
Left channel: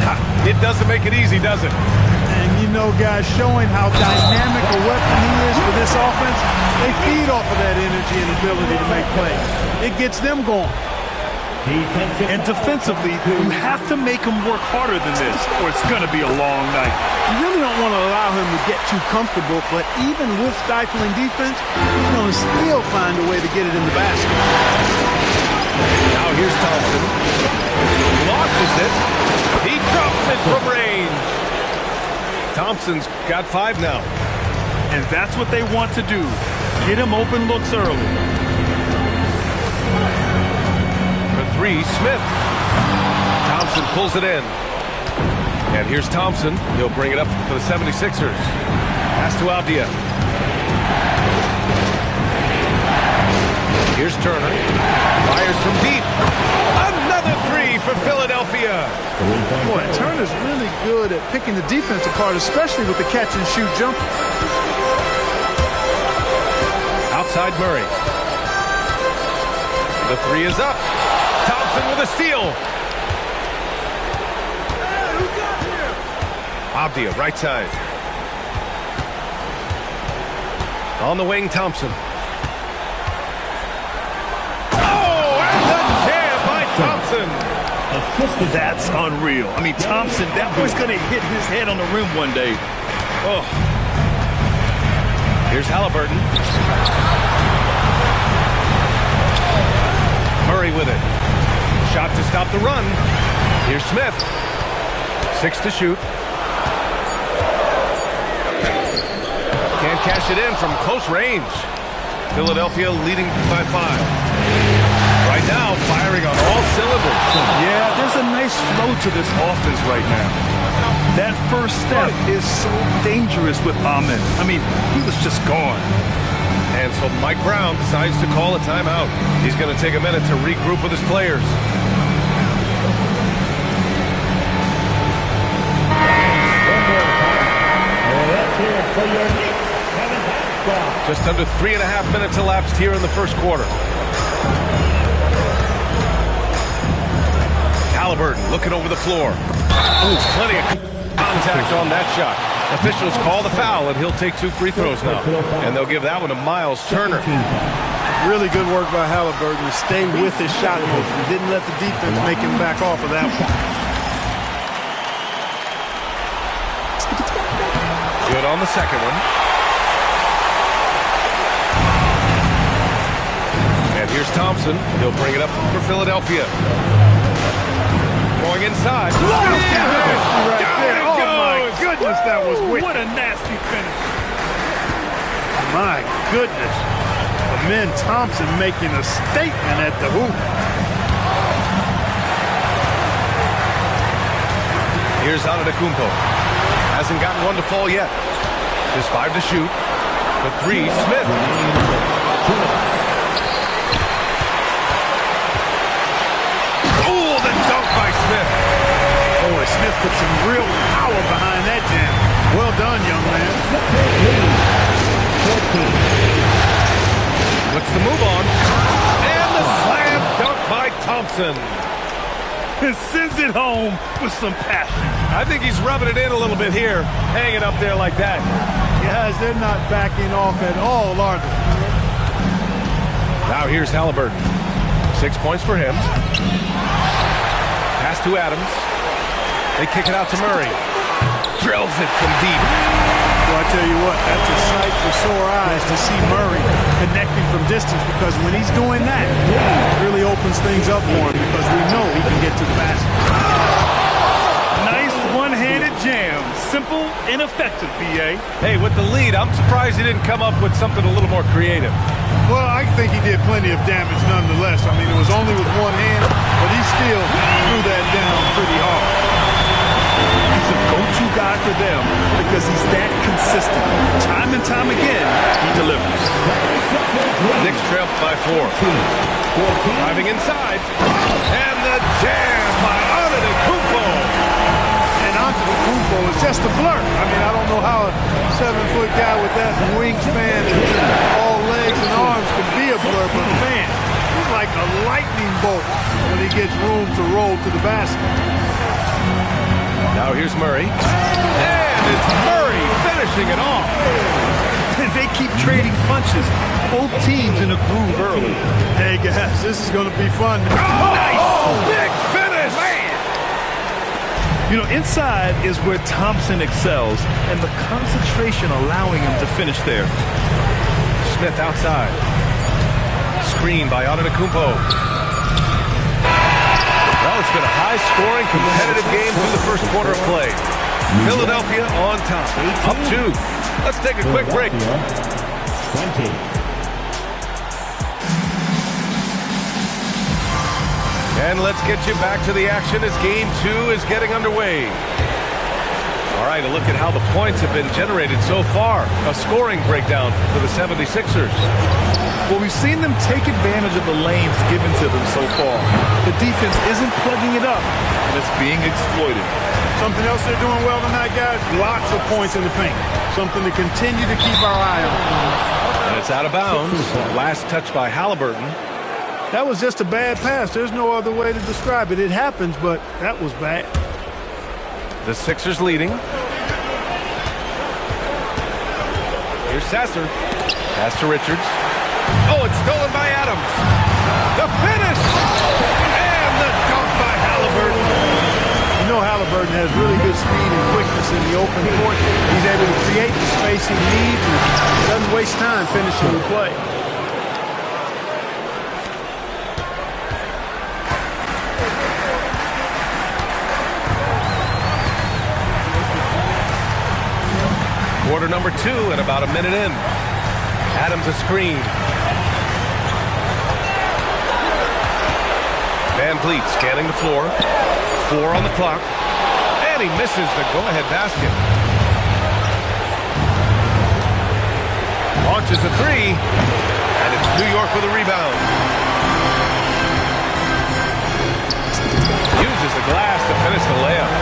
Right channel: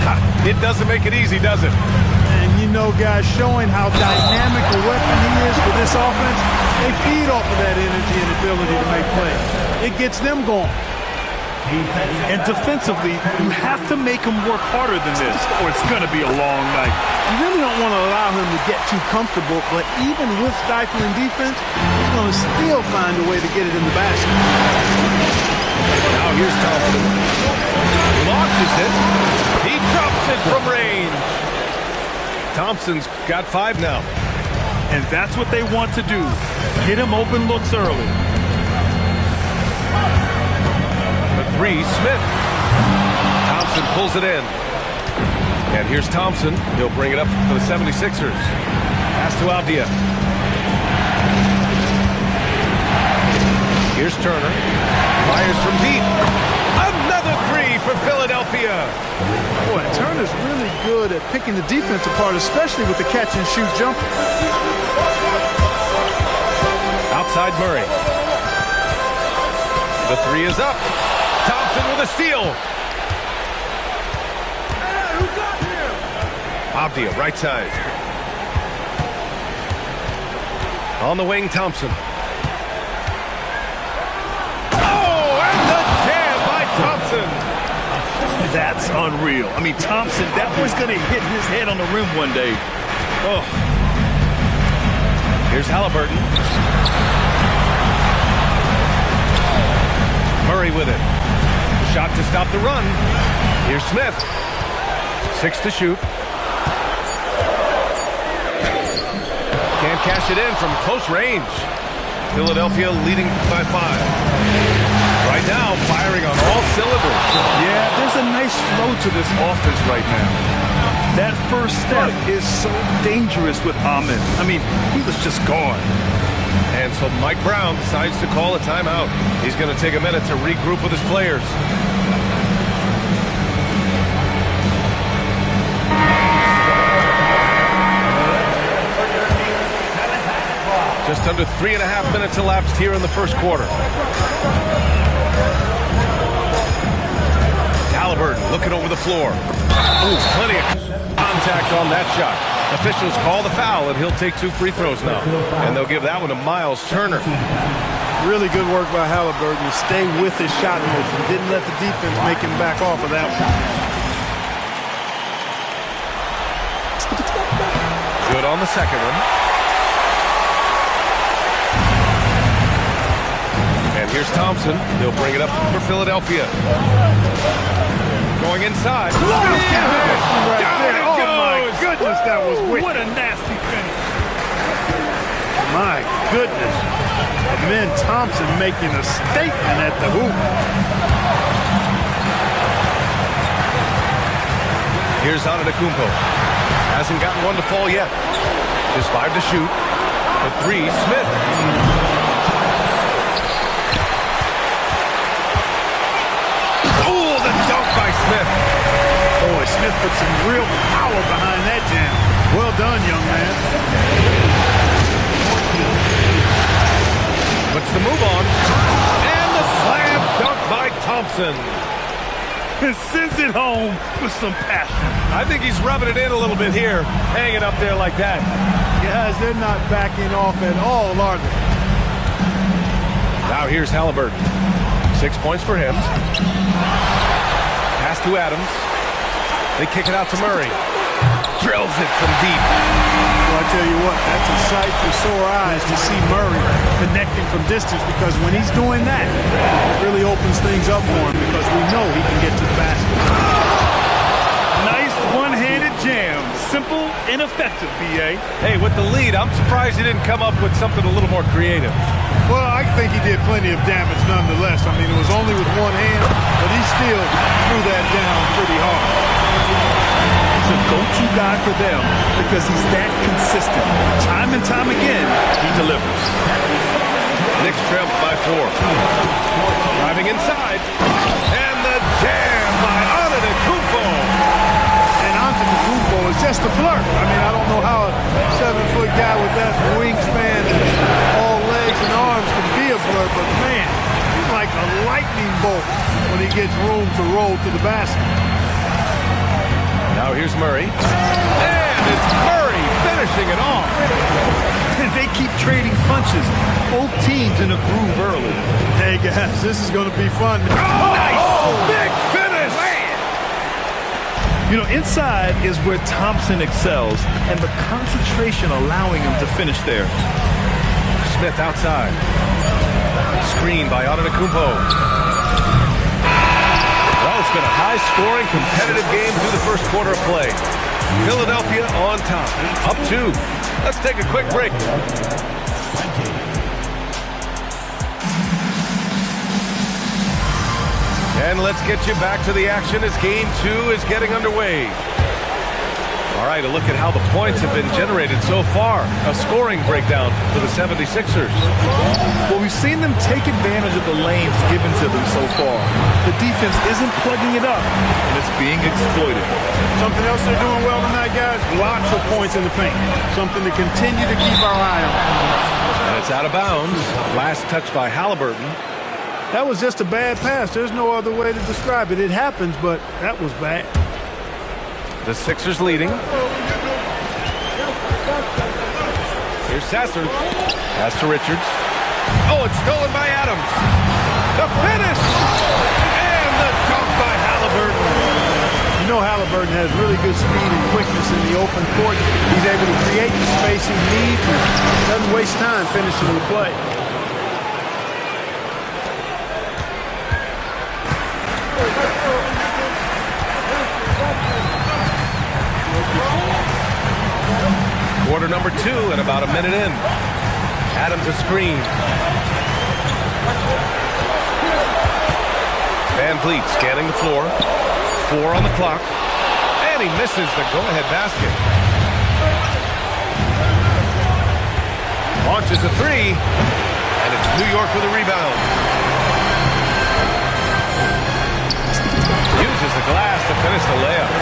It doesn't make it easy, does it? And you know, guys, showing how dynamic a weapon he is for this offense, they feed off of that energy and ability to make plays. It gets them going. And defensively, you have to make him work harder than this, or it's going to be a long night. You really don't want to allow him to get too comfortable, but even with stifling defense, he's going to still find a way to get it in the basket. Now here's Thompson. Launches it. He drops it from range. Thompson's got 5 now. And that's what they want to do. Get him open looks early. For 3, Smith. Thompson pulls it in. And here's Thompson. He'll bring it up for the 76ers. Pass to Avdia. Here's Turner. Fires from deep. Another 3 for Philadelphia. Boy, Turner's really good at picking the defense apart, especially with the catch-and-shoot jumper. Outside Murray. The 3 is up. Thompson with a steal. Hey, who got him? Avdia, right side. On the wing, Thompson. Oh, and the jam by Thompson. That's unreal. I mean, Thompson, that boy's going to hit his head on the rim one day. Oh. Here's Halliburton. Murray with it. The shot to stop the run. Here's Smith. 6 to shoot. Can't cash it in from close range. Philadelphia leading by 5. Right now, firing on all cylinders. Yeah, there's a nice flow to this offense right now. That first step is so dangerous with Ahmed. I mean, he was just gone. And so Mike Brown decides to call a timeout. He's going to take a minute to regroup with his players. Just under 3.5 minutes elapsed here in the first quarter. Halliburton looking over the floor. Oh, plenty of contact on that shot. Officials call the foul, and he'll take 2 free throws now. And they'll give that one to Miles Turner. Really good work by Halliburton to stay with his shot motion. Didn't let the defense make him back off of that one. Good on the second one. And here's Thompson. He'll bring it up for Philadelphia. Going inside. Nasty right there. Down it Oh, goes. my goodness, that was wicked. What a nasty finish. My goodness. Amen Thompson making a statement at the hoop. Here's Antetokounmpo. Hasn't gotten one to fall yet. Just 5 to shoot. For 3, Smith. Oh, the dunk by Smith. Boy, Smith put some real power behind that jam. Well done, young man. Puts the move on. And the slam dunk by Thompson. And sends it home with some passion. I think he's rubbing it in a little bit here, hanging up there like that. Guys, they're not backing off at all, are they? Now here's Halliburton. 6 points for him. Pass Pass to Adams. They kick it out to Murray. Drills it from deep. Well, I tell you what, that's a sight for sore eyes to see Murray connecting from distance, because when he's doing that, it really opens things up for him, because we know he can get to the basket. Nice one-handed jam. Simple and effective, B.A. Hey, with the lead, I'm surprised he didn't come up with something a little more creative. Well, I think he did plenty of damage nonetheless. I mean, it was only with one hand, but he still threw that down pretty hard. He's a go-to guy for them because he's that consistent. Time and time again, he delivers. Knicks trail by 4. Driving inside. And the jam by Antetokounmpo. And Antetokounmpo is just a blur. I mean, I don't know how a 7-foot guy with that wingspan and all legs and arms can be a blur, but man, he's like a lightning bolt when he gets room to roll to the basket. Now here's Murray. And it's Murray finishing it off. They keep trading punches. Both teams in a groove early. Hey, guys, this is going to be fun. Nice! Big finish! Man! You know, inside is where Thompson excels, and the concentration allowing him to finish there. Smith outside. Screen by Antetokounmpo. Well, it's been a high-scoring, competitive game through the first quarter of play. Philadelphia on top, up 2. Let's take a quick break. 20. And let's get you back to the action as Game 2 is getting underway. All right, a look at how the points have been generated so far. A scoring breakdown for the 76ers. Well, we've seen them take advantage of the lanes given to them so far. The defense isn't plugging it up, and it's being exploited. Something else they're doing well tonight, guys, lots of points in the paint. Something to continue to keep our eye on. And it's out of bounds. Last touch by Halliburton. That was just a bad pass. There's no other way to describe it. It happens, but that was bad. The Sixers leading. Here's Sasser. Pass to Richards. Oh, it's stolen by Adams. The finish! And the dunk by Halliburton. You know Halliburton has really good speed and quickness in the open court. He's able to create the space he needs and doesn't waste time finishing the play. Quarter number 2 and about a minute in. Adams a screen. Van Vliet scanning the floor. 4 on the clock. And he misses the go-ahead basket. Launches a 3. And it's New York with a rebound. Uses the glass to finish the layup.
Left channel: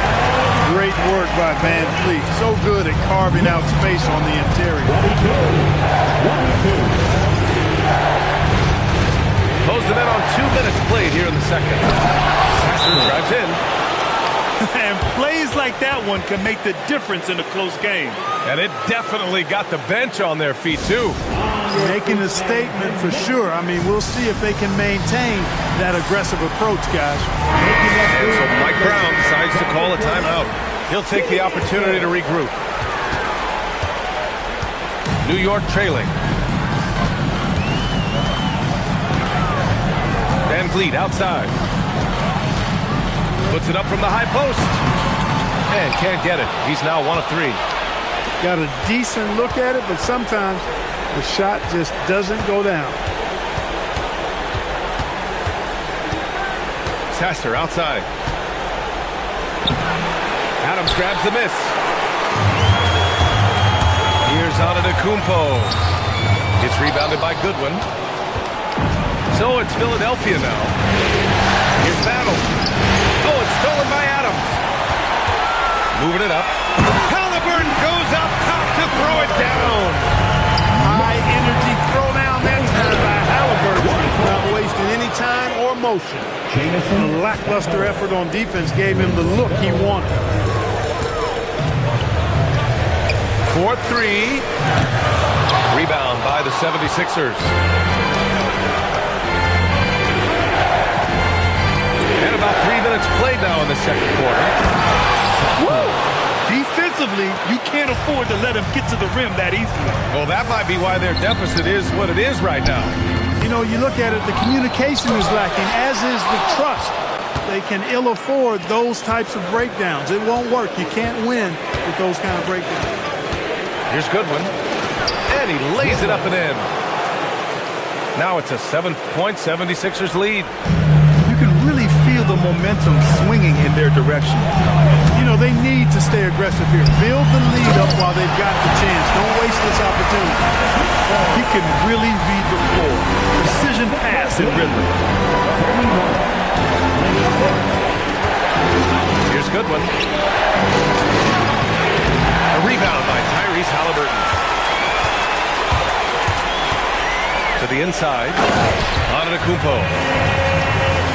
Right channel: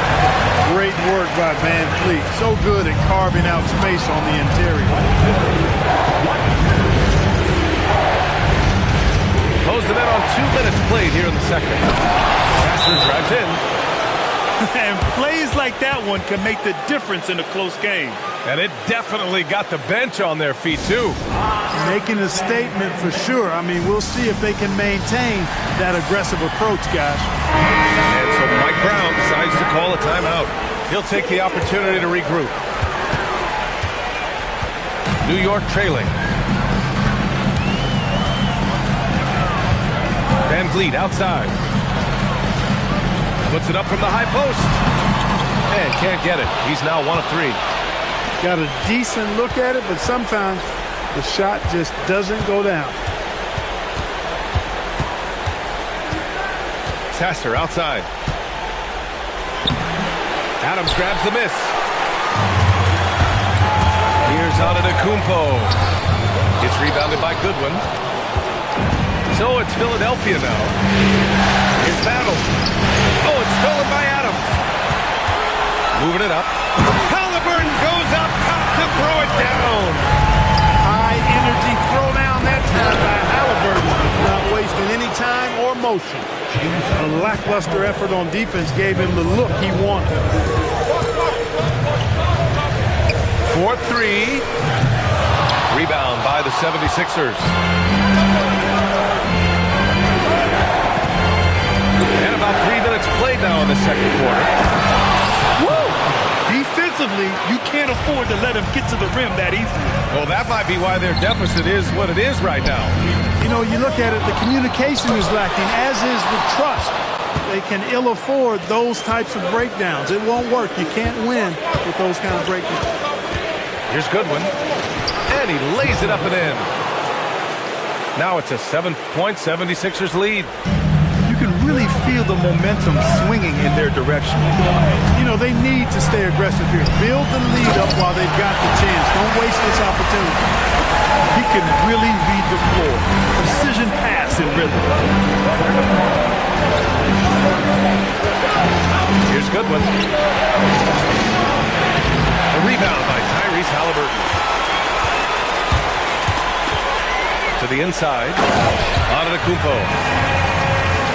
Great work by Van Vliet. So good at carving out space on the interior. Close the net on 2 minutes played here in the second. Sasser drives in. And plays like that one can make the difference in a close game. And it definitely got the bench on their feet, too. Making a statement for sure. I mean, we'll see if they can maintain that aggressive approach, guys. And so Mike Brown decides to call a timeout. He'll take the opportunity to regroup. New York trailing. Van Vliet outside. Puts it up from the high post. And can't get it. He's now 1 of 3. Got a decent look at it, but sometimes the shot just doesn't go down. Sasser outside. Adams grabs the miss. Here's Antetokounmpo. It's rebounded by Goodwin. So it's Philadelphia now. Here's Battle. Oh, it's stolen by Adams. Moving it up. Halliburton goes up top to throw it down. High energy throwdown that time by Halliburton. Not wasting any time or motion. A lackluster effort on defense gave him the look he wanted. 4-3. Rebound by the 76ers. And a about 3 minutes played now in the second quarter. Woo! Defensively, you can't afford to let him get to the rim that easily. Well, that might be why their deficit is what it is right now. You know, you look at it, the communication is lacking, as is the trust. They can ill afford those types of breakdowns. It won't work. You can't win with those kind of breakdowns. Here's Goodwin. And he lays it up and in. Now it's a 7-point 76ers lead. You can really feel the momentum swinging in their direction. You know, they need to stay aggressive here. Build the lead up while they've got the chance. Don't waste this opportunity. He can really read the floor. Precision pass in rhythm. Here's Goodwin. A rebound by Tyrese Halliburton. To the inside. Antetokounmpo.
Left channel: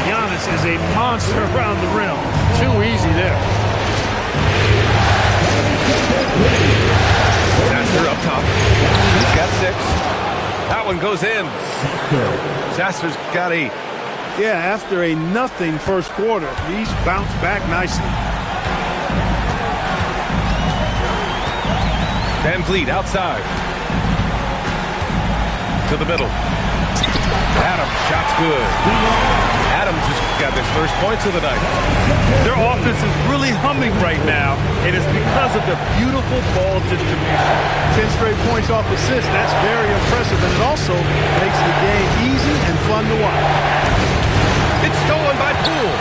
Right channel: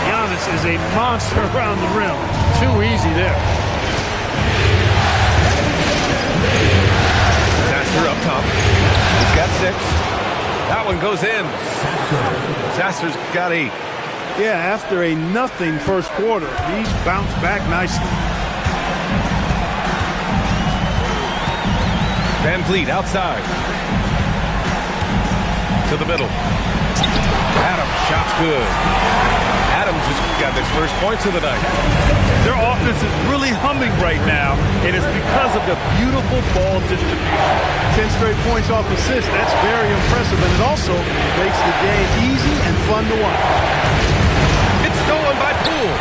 Giannis is a monster around the rim. Too easy there. Sasser up top. He's got 6. That one goes in. Sasser's got 8. Yeah, after a nothing first quarter, he's bounced back nicely. Van Vliet outside. To the middle. Adams, shot's good. Adams just got his first points of the night. Their offense is really humming right now, and it's because of the beautiful ball distribution. 10 straight points off assists. That's very impressive, and it also makes the game easy and fun to watch. It's stolen by Poole.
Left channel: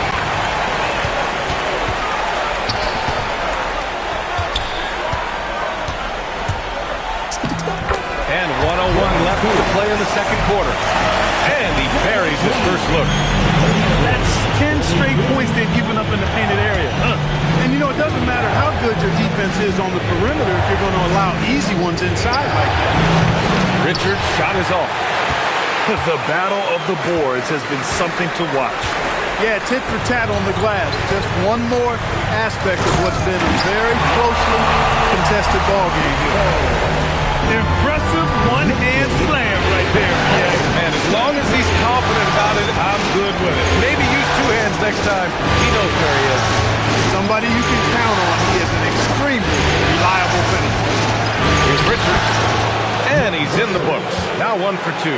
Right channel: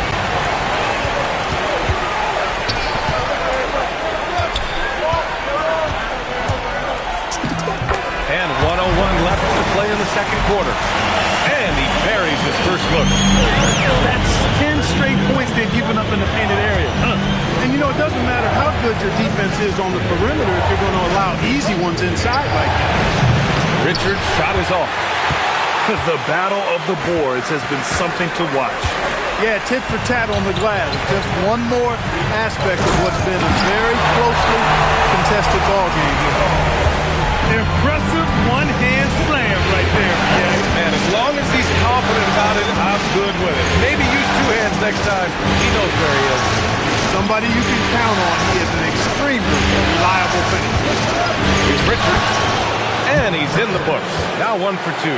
And 1:01 left to play in the second quarter. And he buries his first look. That's 10 straight points they've given up in the painted area. And you know, it doesn't matter how good your defense is on the perimeter if you're going to allow easy ones inside like that. Richard's shot is off. The battle of the boards has been something to watch. Yeah, tit for tat on the glass. Just one more aspect of what's been a very closely contested ball game here. Impressive one-hand slam right there, PA. Man, as long as he's confident about it, I'm good with it. Maybe use 2 hands next time. He knows where he is. Somebody you can count on. He is an extremely reliable finisher. Here's Richards. And he's in the books. Now 1 for 2.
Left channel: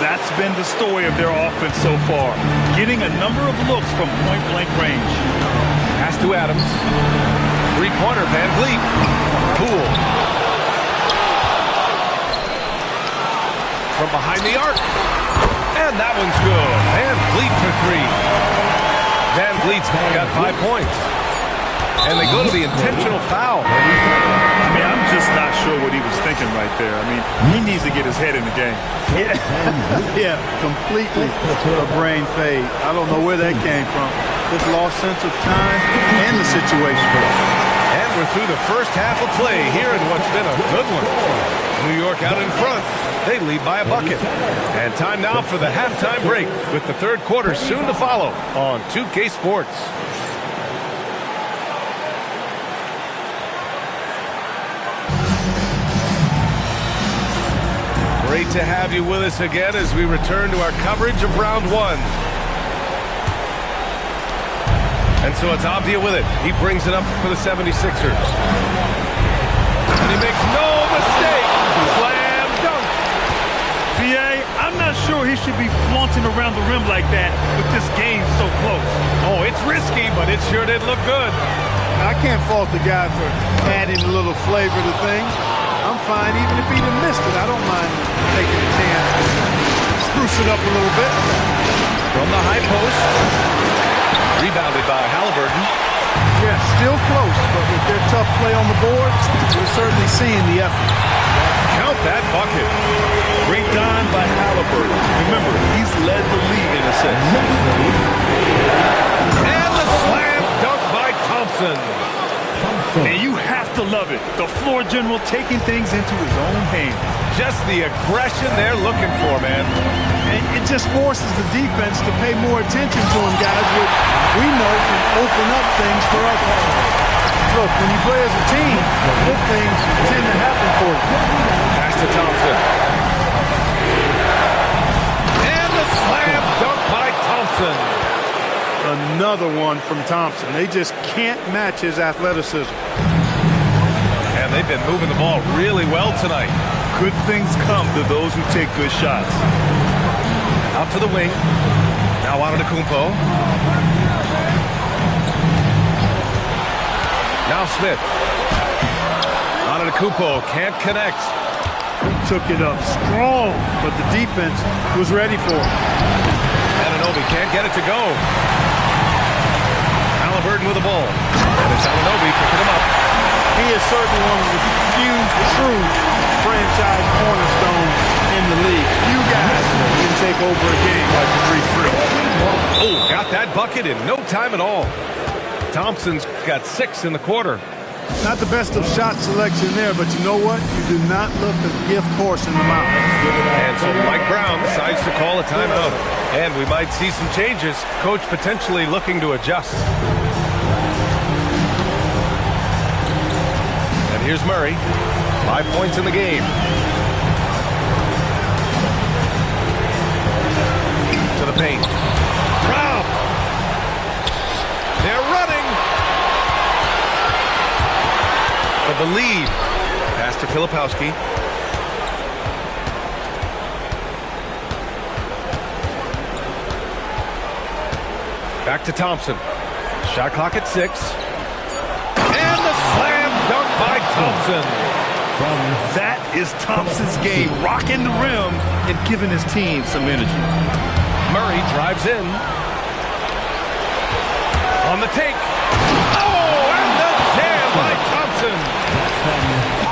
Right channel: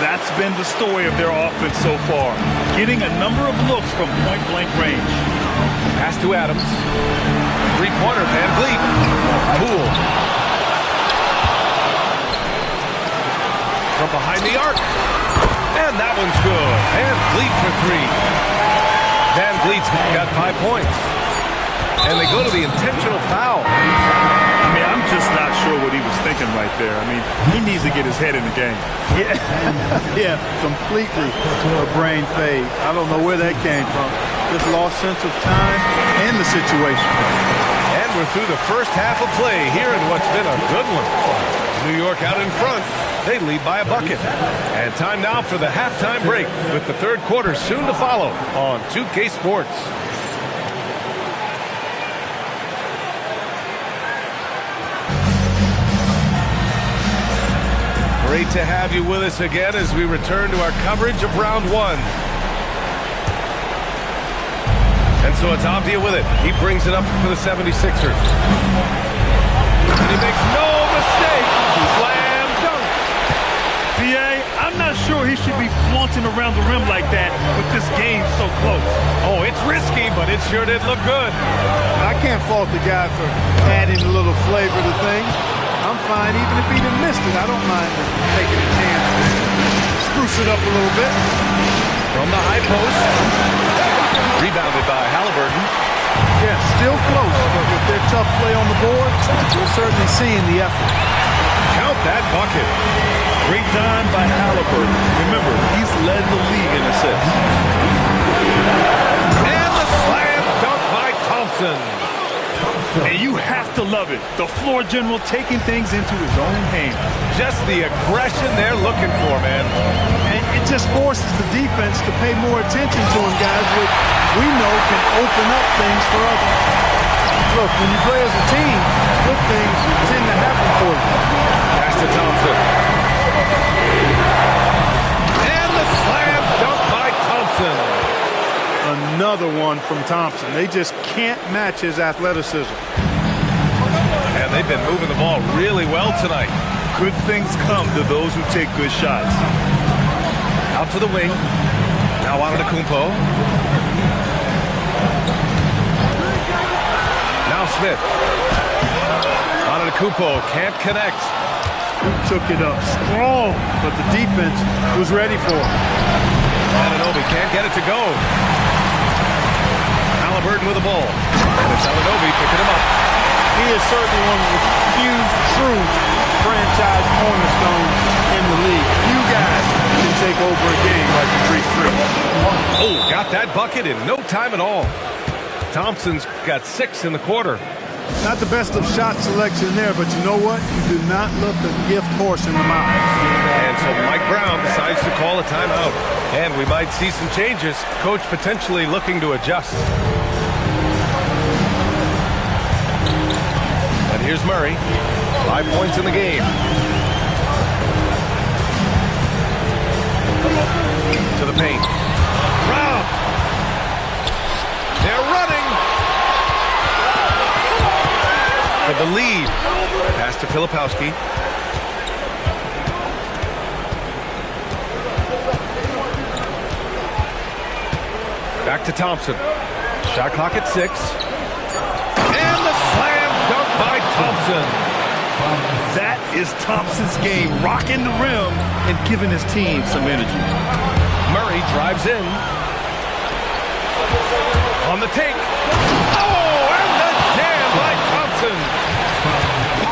That's been the story of their offense so far. Getting a number of looks from point-blank range. Pass to Adams. 3-pointer, Van Vliet. Poole. From behind the arc. And that one's good. Van Vliet for 3. Van Vliet's got 5 points. And they go to the intentional foul. I mean, I'm just not sure what he was thinking right there. I mean, he needs to get his head in the game. Yeah, completely a brain fade. I don't know where that came from. Just lost sense of time and the situation. And we're through the first half of play here in what's been a good one. New York out in front. They lead by a bucket. And time now for the halftime break with the third quarter soon to follow on 2K Sports. Great to have you with us again as we return to our coverage of round 1. And so it's Abdia with it. He brings it up for the 76ers. And he makes no mistake. Slam dunk. PA, I'm not sure he should be flaunting around the rim like that with this game so close. Oh, it's risky, but it sure did look good. I can't fault the guy for adding a little flavor to things. I'm fine even if he'd have missed it. I don't mind taking a chance to spruce it up a little bit. From the high post. Rebounded by Halliburton. Yeah, still close, but with their tough play on the board, we're certainly seeing the effort. Count that bucket. Great dime by Halliburton. Remember, he's led the league in assists. And the slam dunk by Thompson. And you have to love it. The floor general taking things into his own hands. Just the aggression they're looking for, man. And it just forces the defense to pay more attention to him, guys, which we know can open up things for others. Look, when you play as a team, good things tend to happen for you. Pass to Thompson. And the slam dunk by Thompson. Another one from Thompson. They just can't match his athleticism. And they've been moving the ball really well tonight. Good things come to those who take good shots. Out to the wing. Now Antetokounmpo. Now Smith. Antetokounmpo can't connect. He took it up strong, but the defense was ready for it. Anunoby can't get it to go. Halliburton with the ball. And it's Anunoby picking him up. He is certainly one of the few true franchise cornerstones in the league. Few guys can take over a game like the 3-3. Oh, got that bucket in no time at all. Thompson's got 6 in the quarter. Not the best of shot selection there, but you know what? You do not look a gift horse in the mouth. And so Mike Brown decides to call a timeout. And we might see some changes. Coach potentially looking to adjust. And here's Murray. 5 points in the game. To the paint. Brown. They're running. For the lead. Pass to Filipowski. Back to Thompson. Shot clock at 6. And the slam dunk by Thompson. That is Thompson's game, rocking the rim and giving his team some energy. Murray drives in. On the take. Oh, and the jam by Thompson.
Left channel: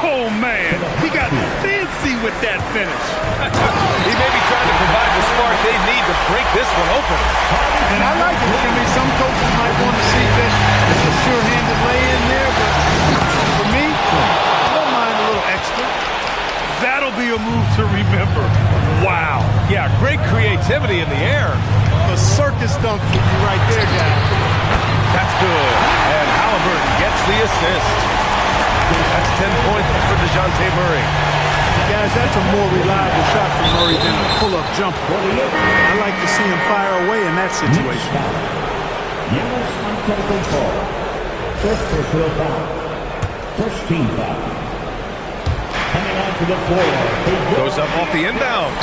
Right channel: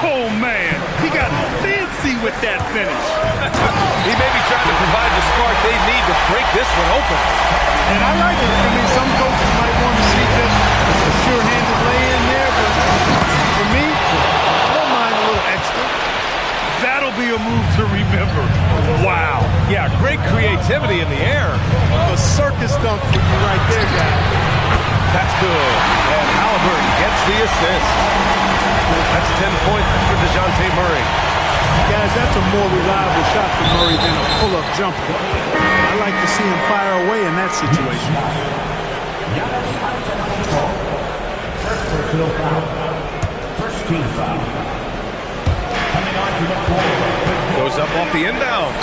Oh, man, he got fancy with that finish. He may be trying to provide the spark they need to break this one open. And I like it. I mean, some coaches might want to see just a sure-handed lay-in there, but for me, I don't mind a little extra. That'll be a move to remember. Wow. Yeah, great creativity in the air. A circus dunk for you right there, guys. That's good. And Halliburton gets the assist. That's 10 points for DeJounte Murray. Guys, that's a more reliable shot for Murray than a pull-up jumper. I like to see him fire away in that situation. First personal foul. First team foul. Coming on to the floor. Goes up off the inbound.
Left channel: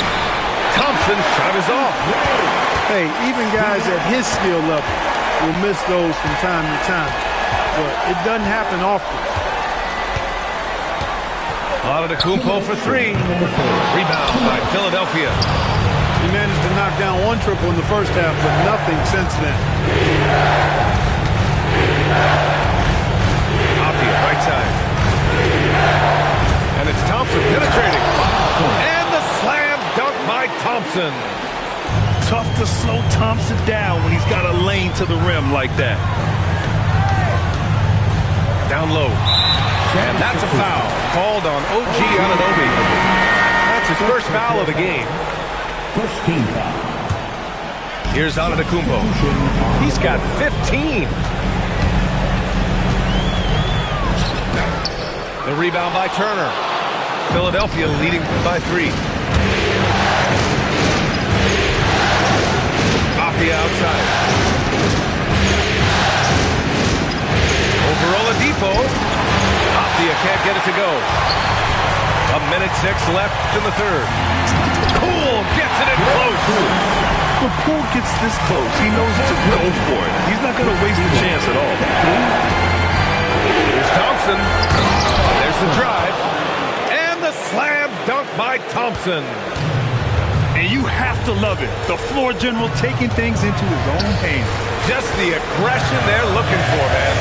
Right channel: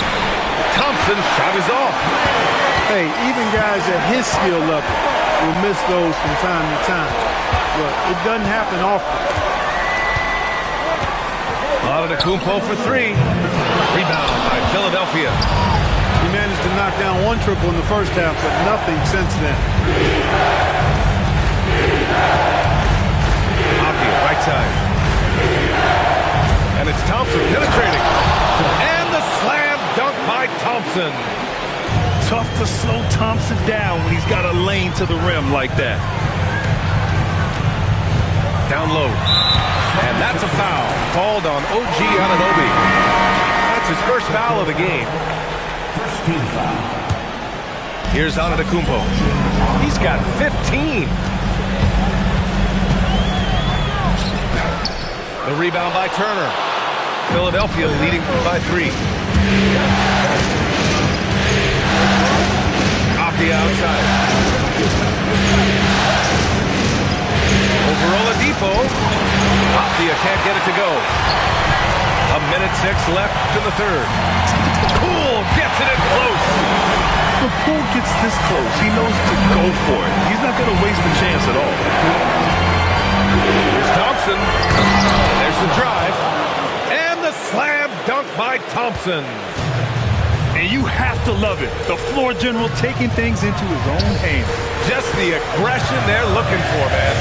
Thompson's shot is off. Hey, even guys at his skill level will miss those from time to time. But it doesn't happen often. Antetokounmpo for 3. Rebound by Philadelphia. He managed to knock down one triple in the first half, but nothing since then. Apia, right side. And it's Thompson penetrating. And the slam dunk by Thompson. Tough to slow Thompson down when he's got a lane to the rim like that. Down low. And that's a foul called on OG Anunoby. That's his first foul of the game. First team foul. Here's Antetokounmpo. He's got 15. The rebound by Turner. Philadelphia leading by 3. Apia outside. Over Oladipo. Apia can't get it to go. 1:06 left in the third. Poole gets it in close. When Poole gets this close, he knows to go for it. He's not going to waste the chance at all. Here's Thompson. There's the drive. And the slam dunk by Thompson. And you have to love it. The floor general taking things into his own hands. Just the aggression they're looking for, man.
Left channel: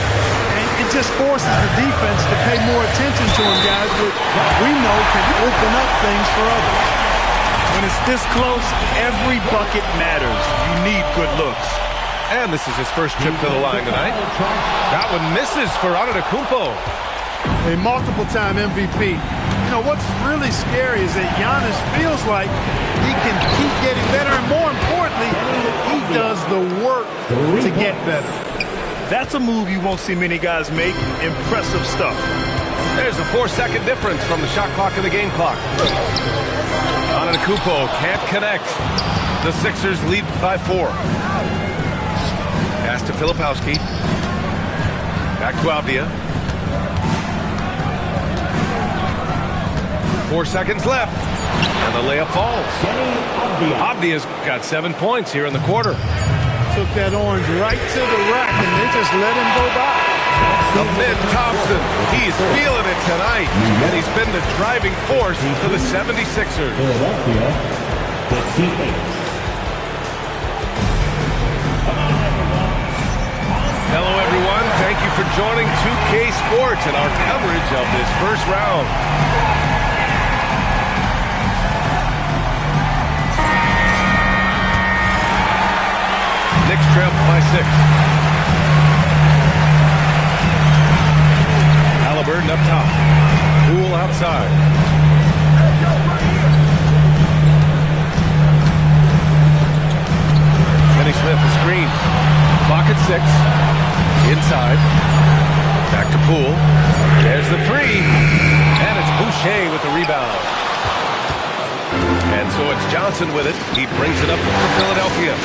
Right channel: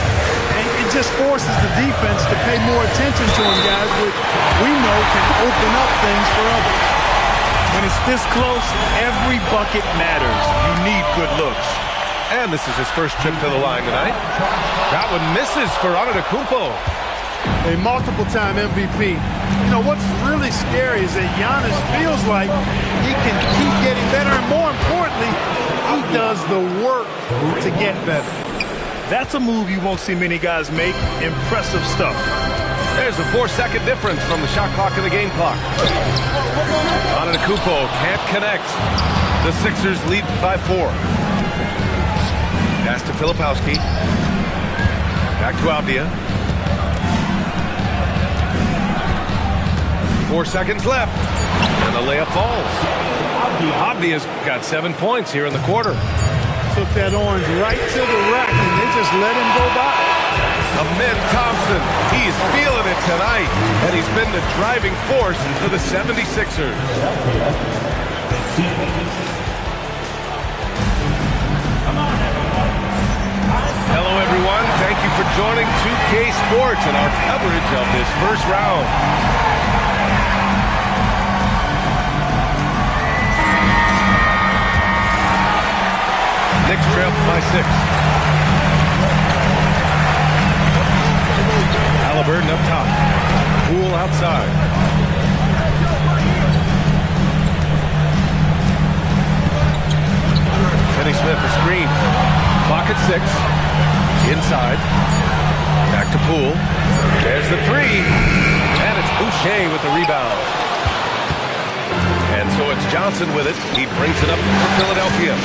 And it just forces the defense to pay more attention to him, guys, which we know can open up things for others. When it's this close, every bucket matters. You need good looks. And this is his first trip to the line tonight. That one misses for Antetokounmpo. A multiple-time MVP. You know, what's really scary is that Giannis feels like he can keep getting better, and more importantly, he does the work to get better. That's a move you won't see many guys make. Impressive stuff. There's a 4-second difference from the shot clock and the game clock. Antetokounmpo can't connect. The Sixers lead by 4. Pass to Filipowski. Back to Avdia. 4 seconds left. And the layup falls. Avdia's got 7 points here in the quarter. Took that orange right to the rack, and they just let him go by. Amin Thompson, he's feeling it tonight. And he's been the driving force for the 76ers. Hello, everyone. Thank you for joining 2K Sports and our coverage of this first round. Knicks trail by 6. Halliburton up top. Poole outside. Kenny Smith a screen. Clock at 6. Inside. Back to Poole. There's the 3. And it's Boucher with the rebound. And so it's Johnson with it. He brings it up for Philadelphia.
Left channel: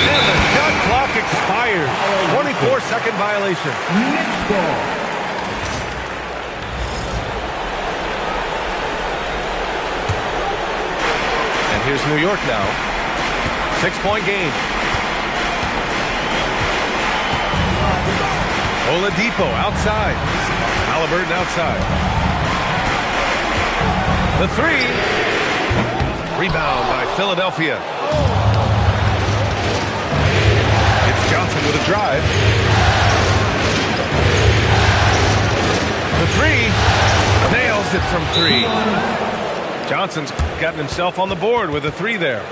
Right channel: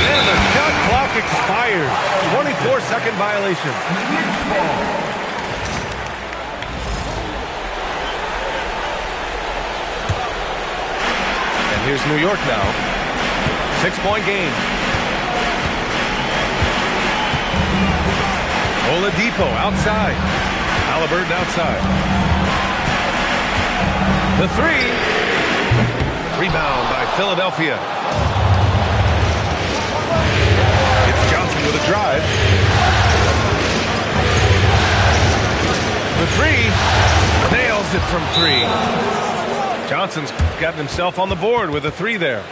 And the shot clock expires. 24-second violation. And here's New York now. 6-point game. Oladipo outside. Halliburton outside. The 3. Rebound by Philadelphia. It's Johnson with a drive. The 3. Nails it from 3. Johnson's gotten himself on the board with a 3 there.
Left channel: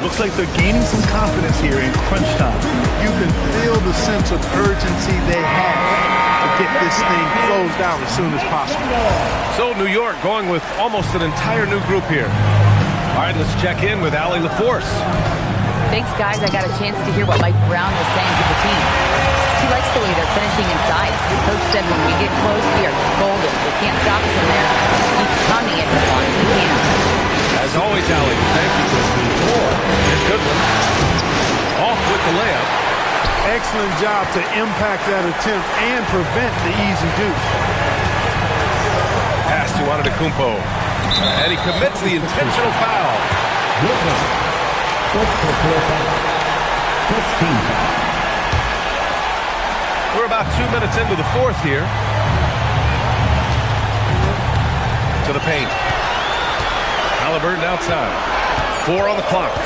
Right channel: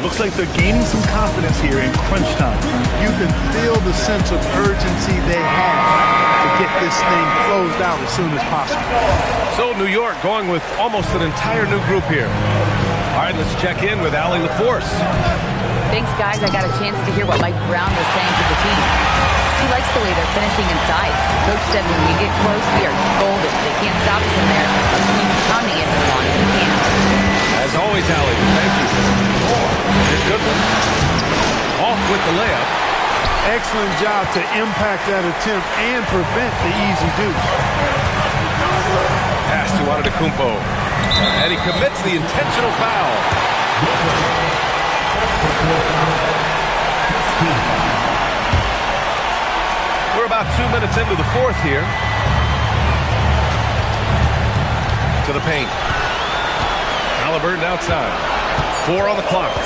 Looks like they're gaining some confidence here in crunch time. You can feel the sense of urgency they have to get this thing closed out as soon as possible. So New York going with almost an entire new group here. All right, let's check in with Allie LaForce. Thanks, guys. I got a chance to hear what Mike Brown was saying to the team. He likes the way they're finishing inside. Coach said when we get close, we are golden. They can't stop us in there. Just keep pounding it as long as we can. As always, Allie, thank you. Here's Goodwin. Off with the layup. Excellent job to impact that attempt and prevent the easy deuce. Pass to Antetokounmpo. And he commits the intentional foul. We're about 2 minutes into the fourth here. To the paint. Halliburton outside. 4 on the clock.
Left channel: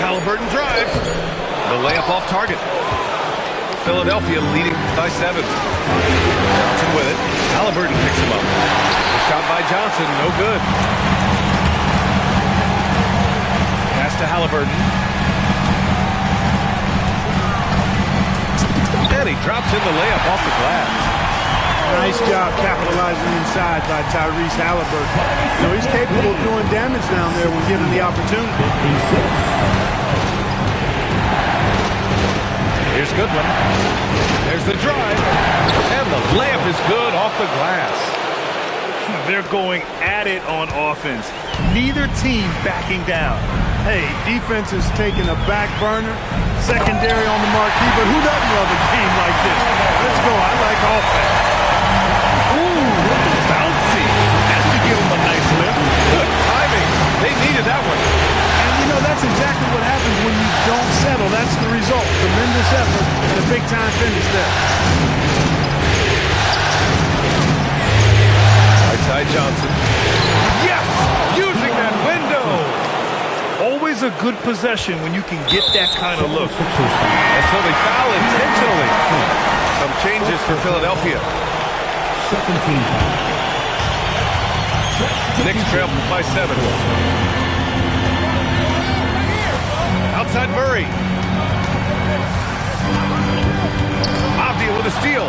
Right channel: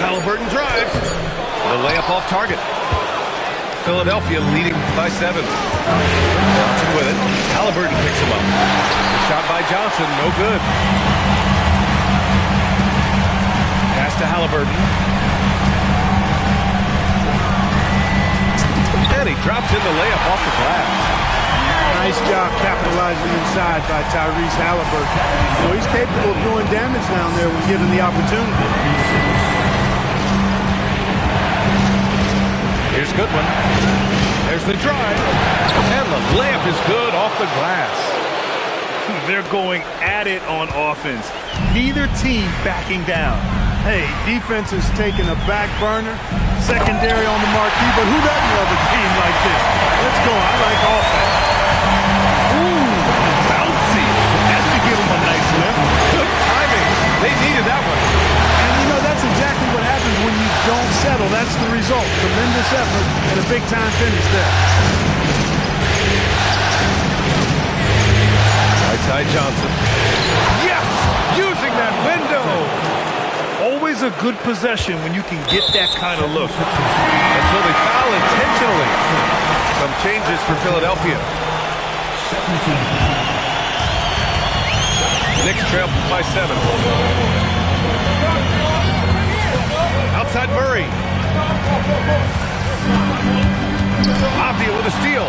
Halliburton drives. The layup off target. Philadelphia leading by 7. Johnson with it. Halliburton picks him up. The shot by Johnson, no good. Pass to Halliburton. And he drops in the layup off the glass. Nice job capitalizing inside by Tyrese Halliburton. You know, he's capable of doing damage down there when given the opportunity. Here's Goodwin. There's the drive. And the layup is good off the glass. They're going at it on offense. Neither team backing down. Hey, defense is taking a back burner. Secondary on the marquee, but who doesn't love a game like this? Let's go. I like offense. Ooh, bouncy. That should give them a nice lift. Good timing. They needed that one. And, you know, that's exactly what happens when you don't settle. That's the result. Tremendous effort and a big-time finish there. Right side Johnson. Yes! Using that window. Always a good possession when you can get that kind of look. And so they foul intentionally. Some changes for Philadelphia. 17. Knicks trail by 7. Outside Murray. Avdia with a steal.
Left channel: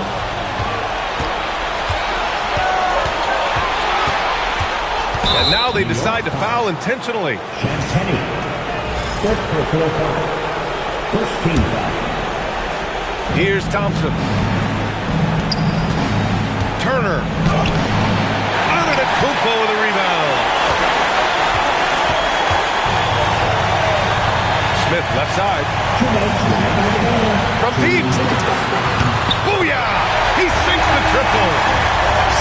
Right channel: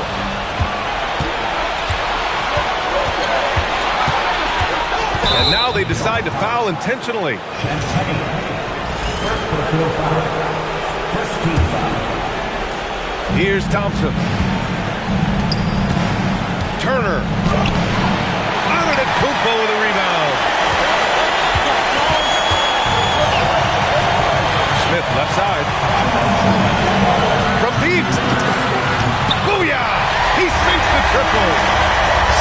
And now they decide to foul intentionally. First personal foul. First team foul. Here's Thompson. Turner. Antetokounmpo with a rebound. Smith left side. From deep. Booyah! He sinks the triple.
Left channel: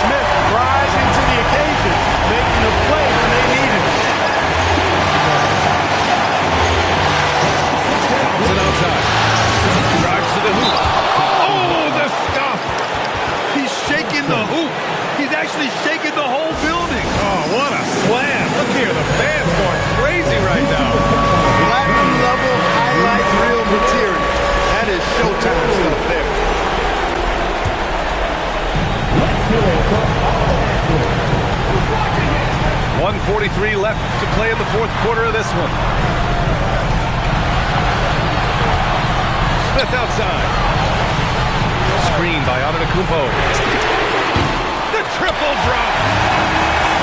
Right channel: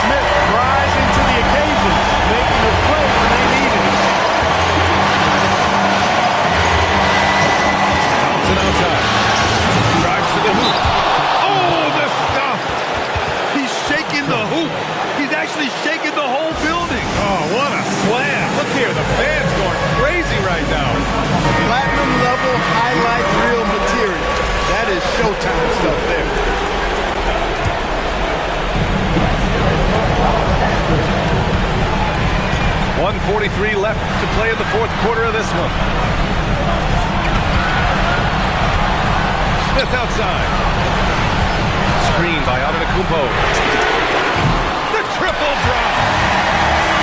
Smith rising to the occasion, making a play when they needed it. Thompson outside. Drives to the hoop. Oh, the stuff! He's shaking the hoop. He's actually shaking the whole building. Oh, what a slam. Look here, the fans going crazy right now. Platinum level highlight reel material. That is Showtime stuff there. .143 left to play in the fourth quarter of this one. Smith outside. Screen by Antetokounmpo. The triple drop.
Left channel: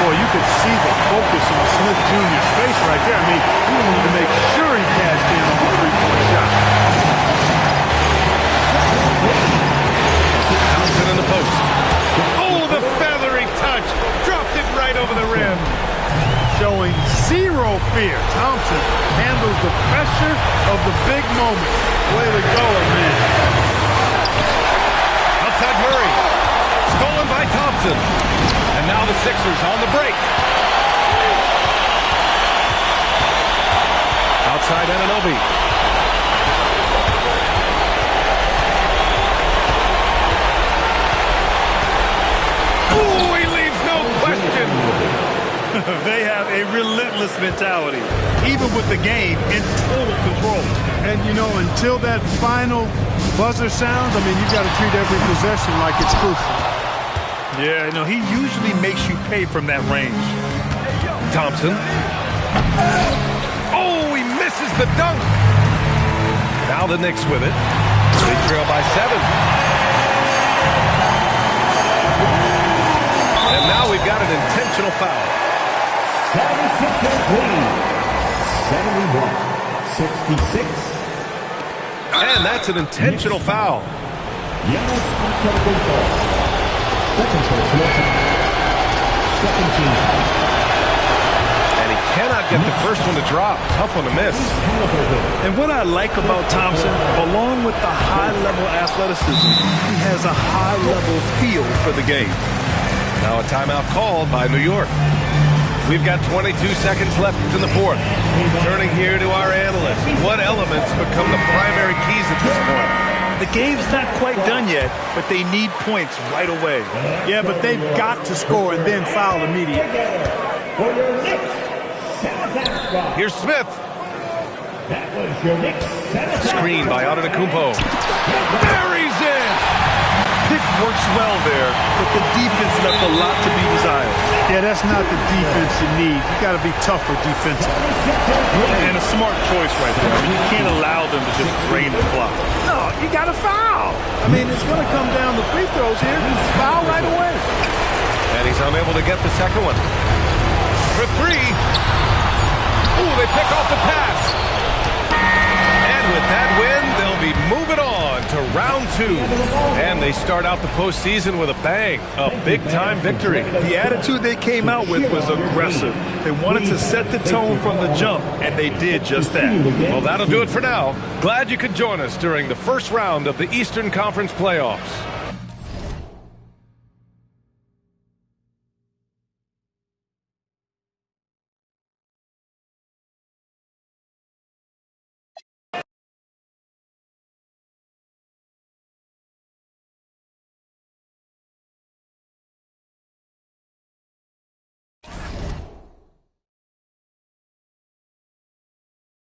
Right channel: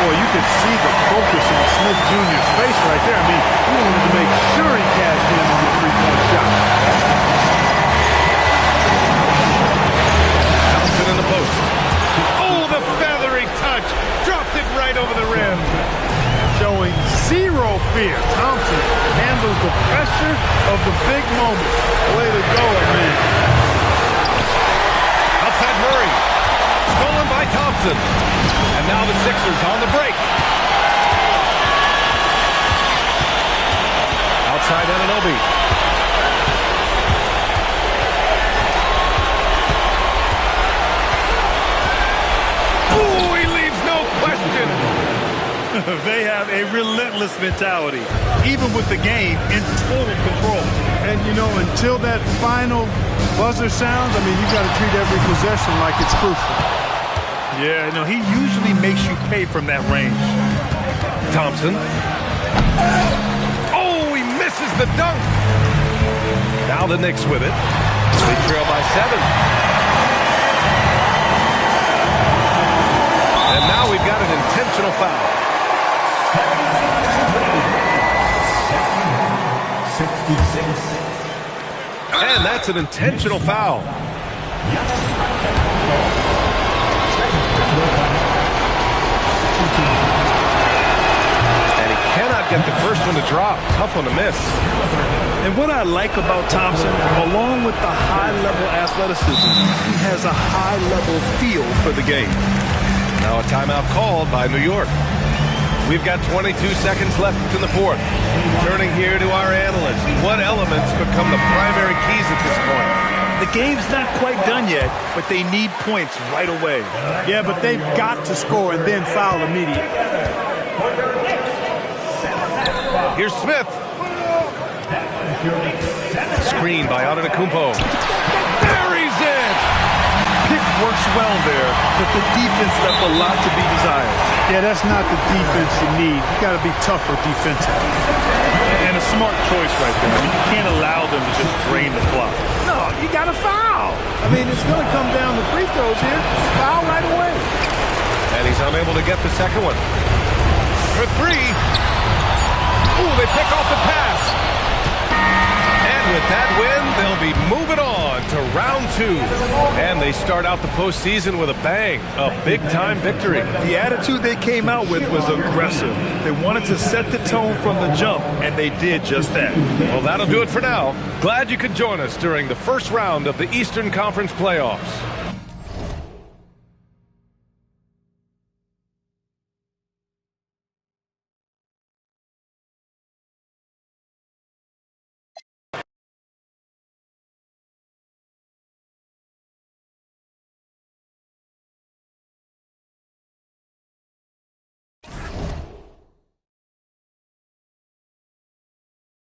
Boy, you could see the focus on Smith Jr.'s face right there. I mean, he wanted to make sure he cashed in on the three-point shot. Thompson in the post. Oh, the feathery touch. Dropped it right over the rim. Showing zero fear. Thompson handles the pressure of the big moment. Way to go, man. Outside Murray. Stolen by Thompson. And now the Sixers on the break. Outside Anunoby. Ooh, he leaves no question. They have a relentless mentality, even with the game in total control. And, you know, until that final buzzer sounds, I mean, you've got to treat every possession like it's crucial. Yeah, no, he usually makes you pay from that range. Thompson. Oh, he misses the dunk. Now the Knicks with it. They trail by 7. And now we've got an intentional foul. 71-66. And that's an intentional foul. And he cannot get the first one to drop. Tough one to miss. And what I like about Thompson, along with the high-level athleticism, he has a high-level feel for the game. Now a timeout called by New York. We've got 22 seconds left in the fourth. Turning here to our analysts. What elements become the primary keys at this point? The game's not quite done yet, but they need points right away. Yeah, but they've got to score and then foul immediately. Here's Smith. Screen by Antetokounmpo. Buries it! Pick works well there, but the defense left a lot to be desired. Yeah, that's not the defense you need. You got to be tougher defensively. And a smart choice right there. I mean, you can't allow them to just drain the clock. No, you got to foul. I mean, it's going to come down to free throws here. Foul right away. And he's unable to get the second one. For 3. Ooh, they pick off the pass. And with that win, they'll be moving on to round 2. And they start out the postseason with a bang. A big-time victory. The attitude they came out with was aggressive. They wanted to set the tone from the jump, and they did just that. Well, that'll do it for now. Glad you could join us during the first round of the Eastern Conference playoffs.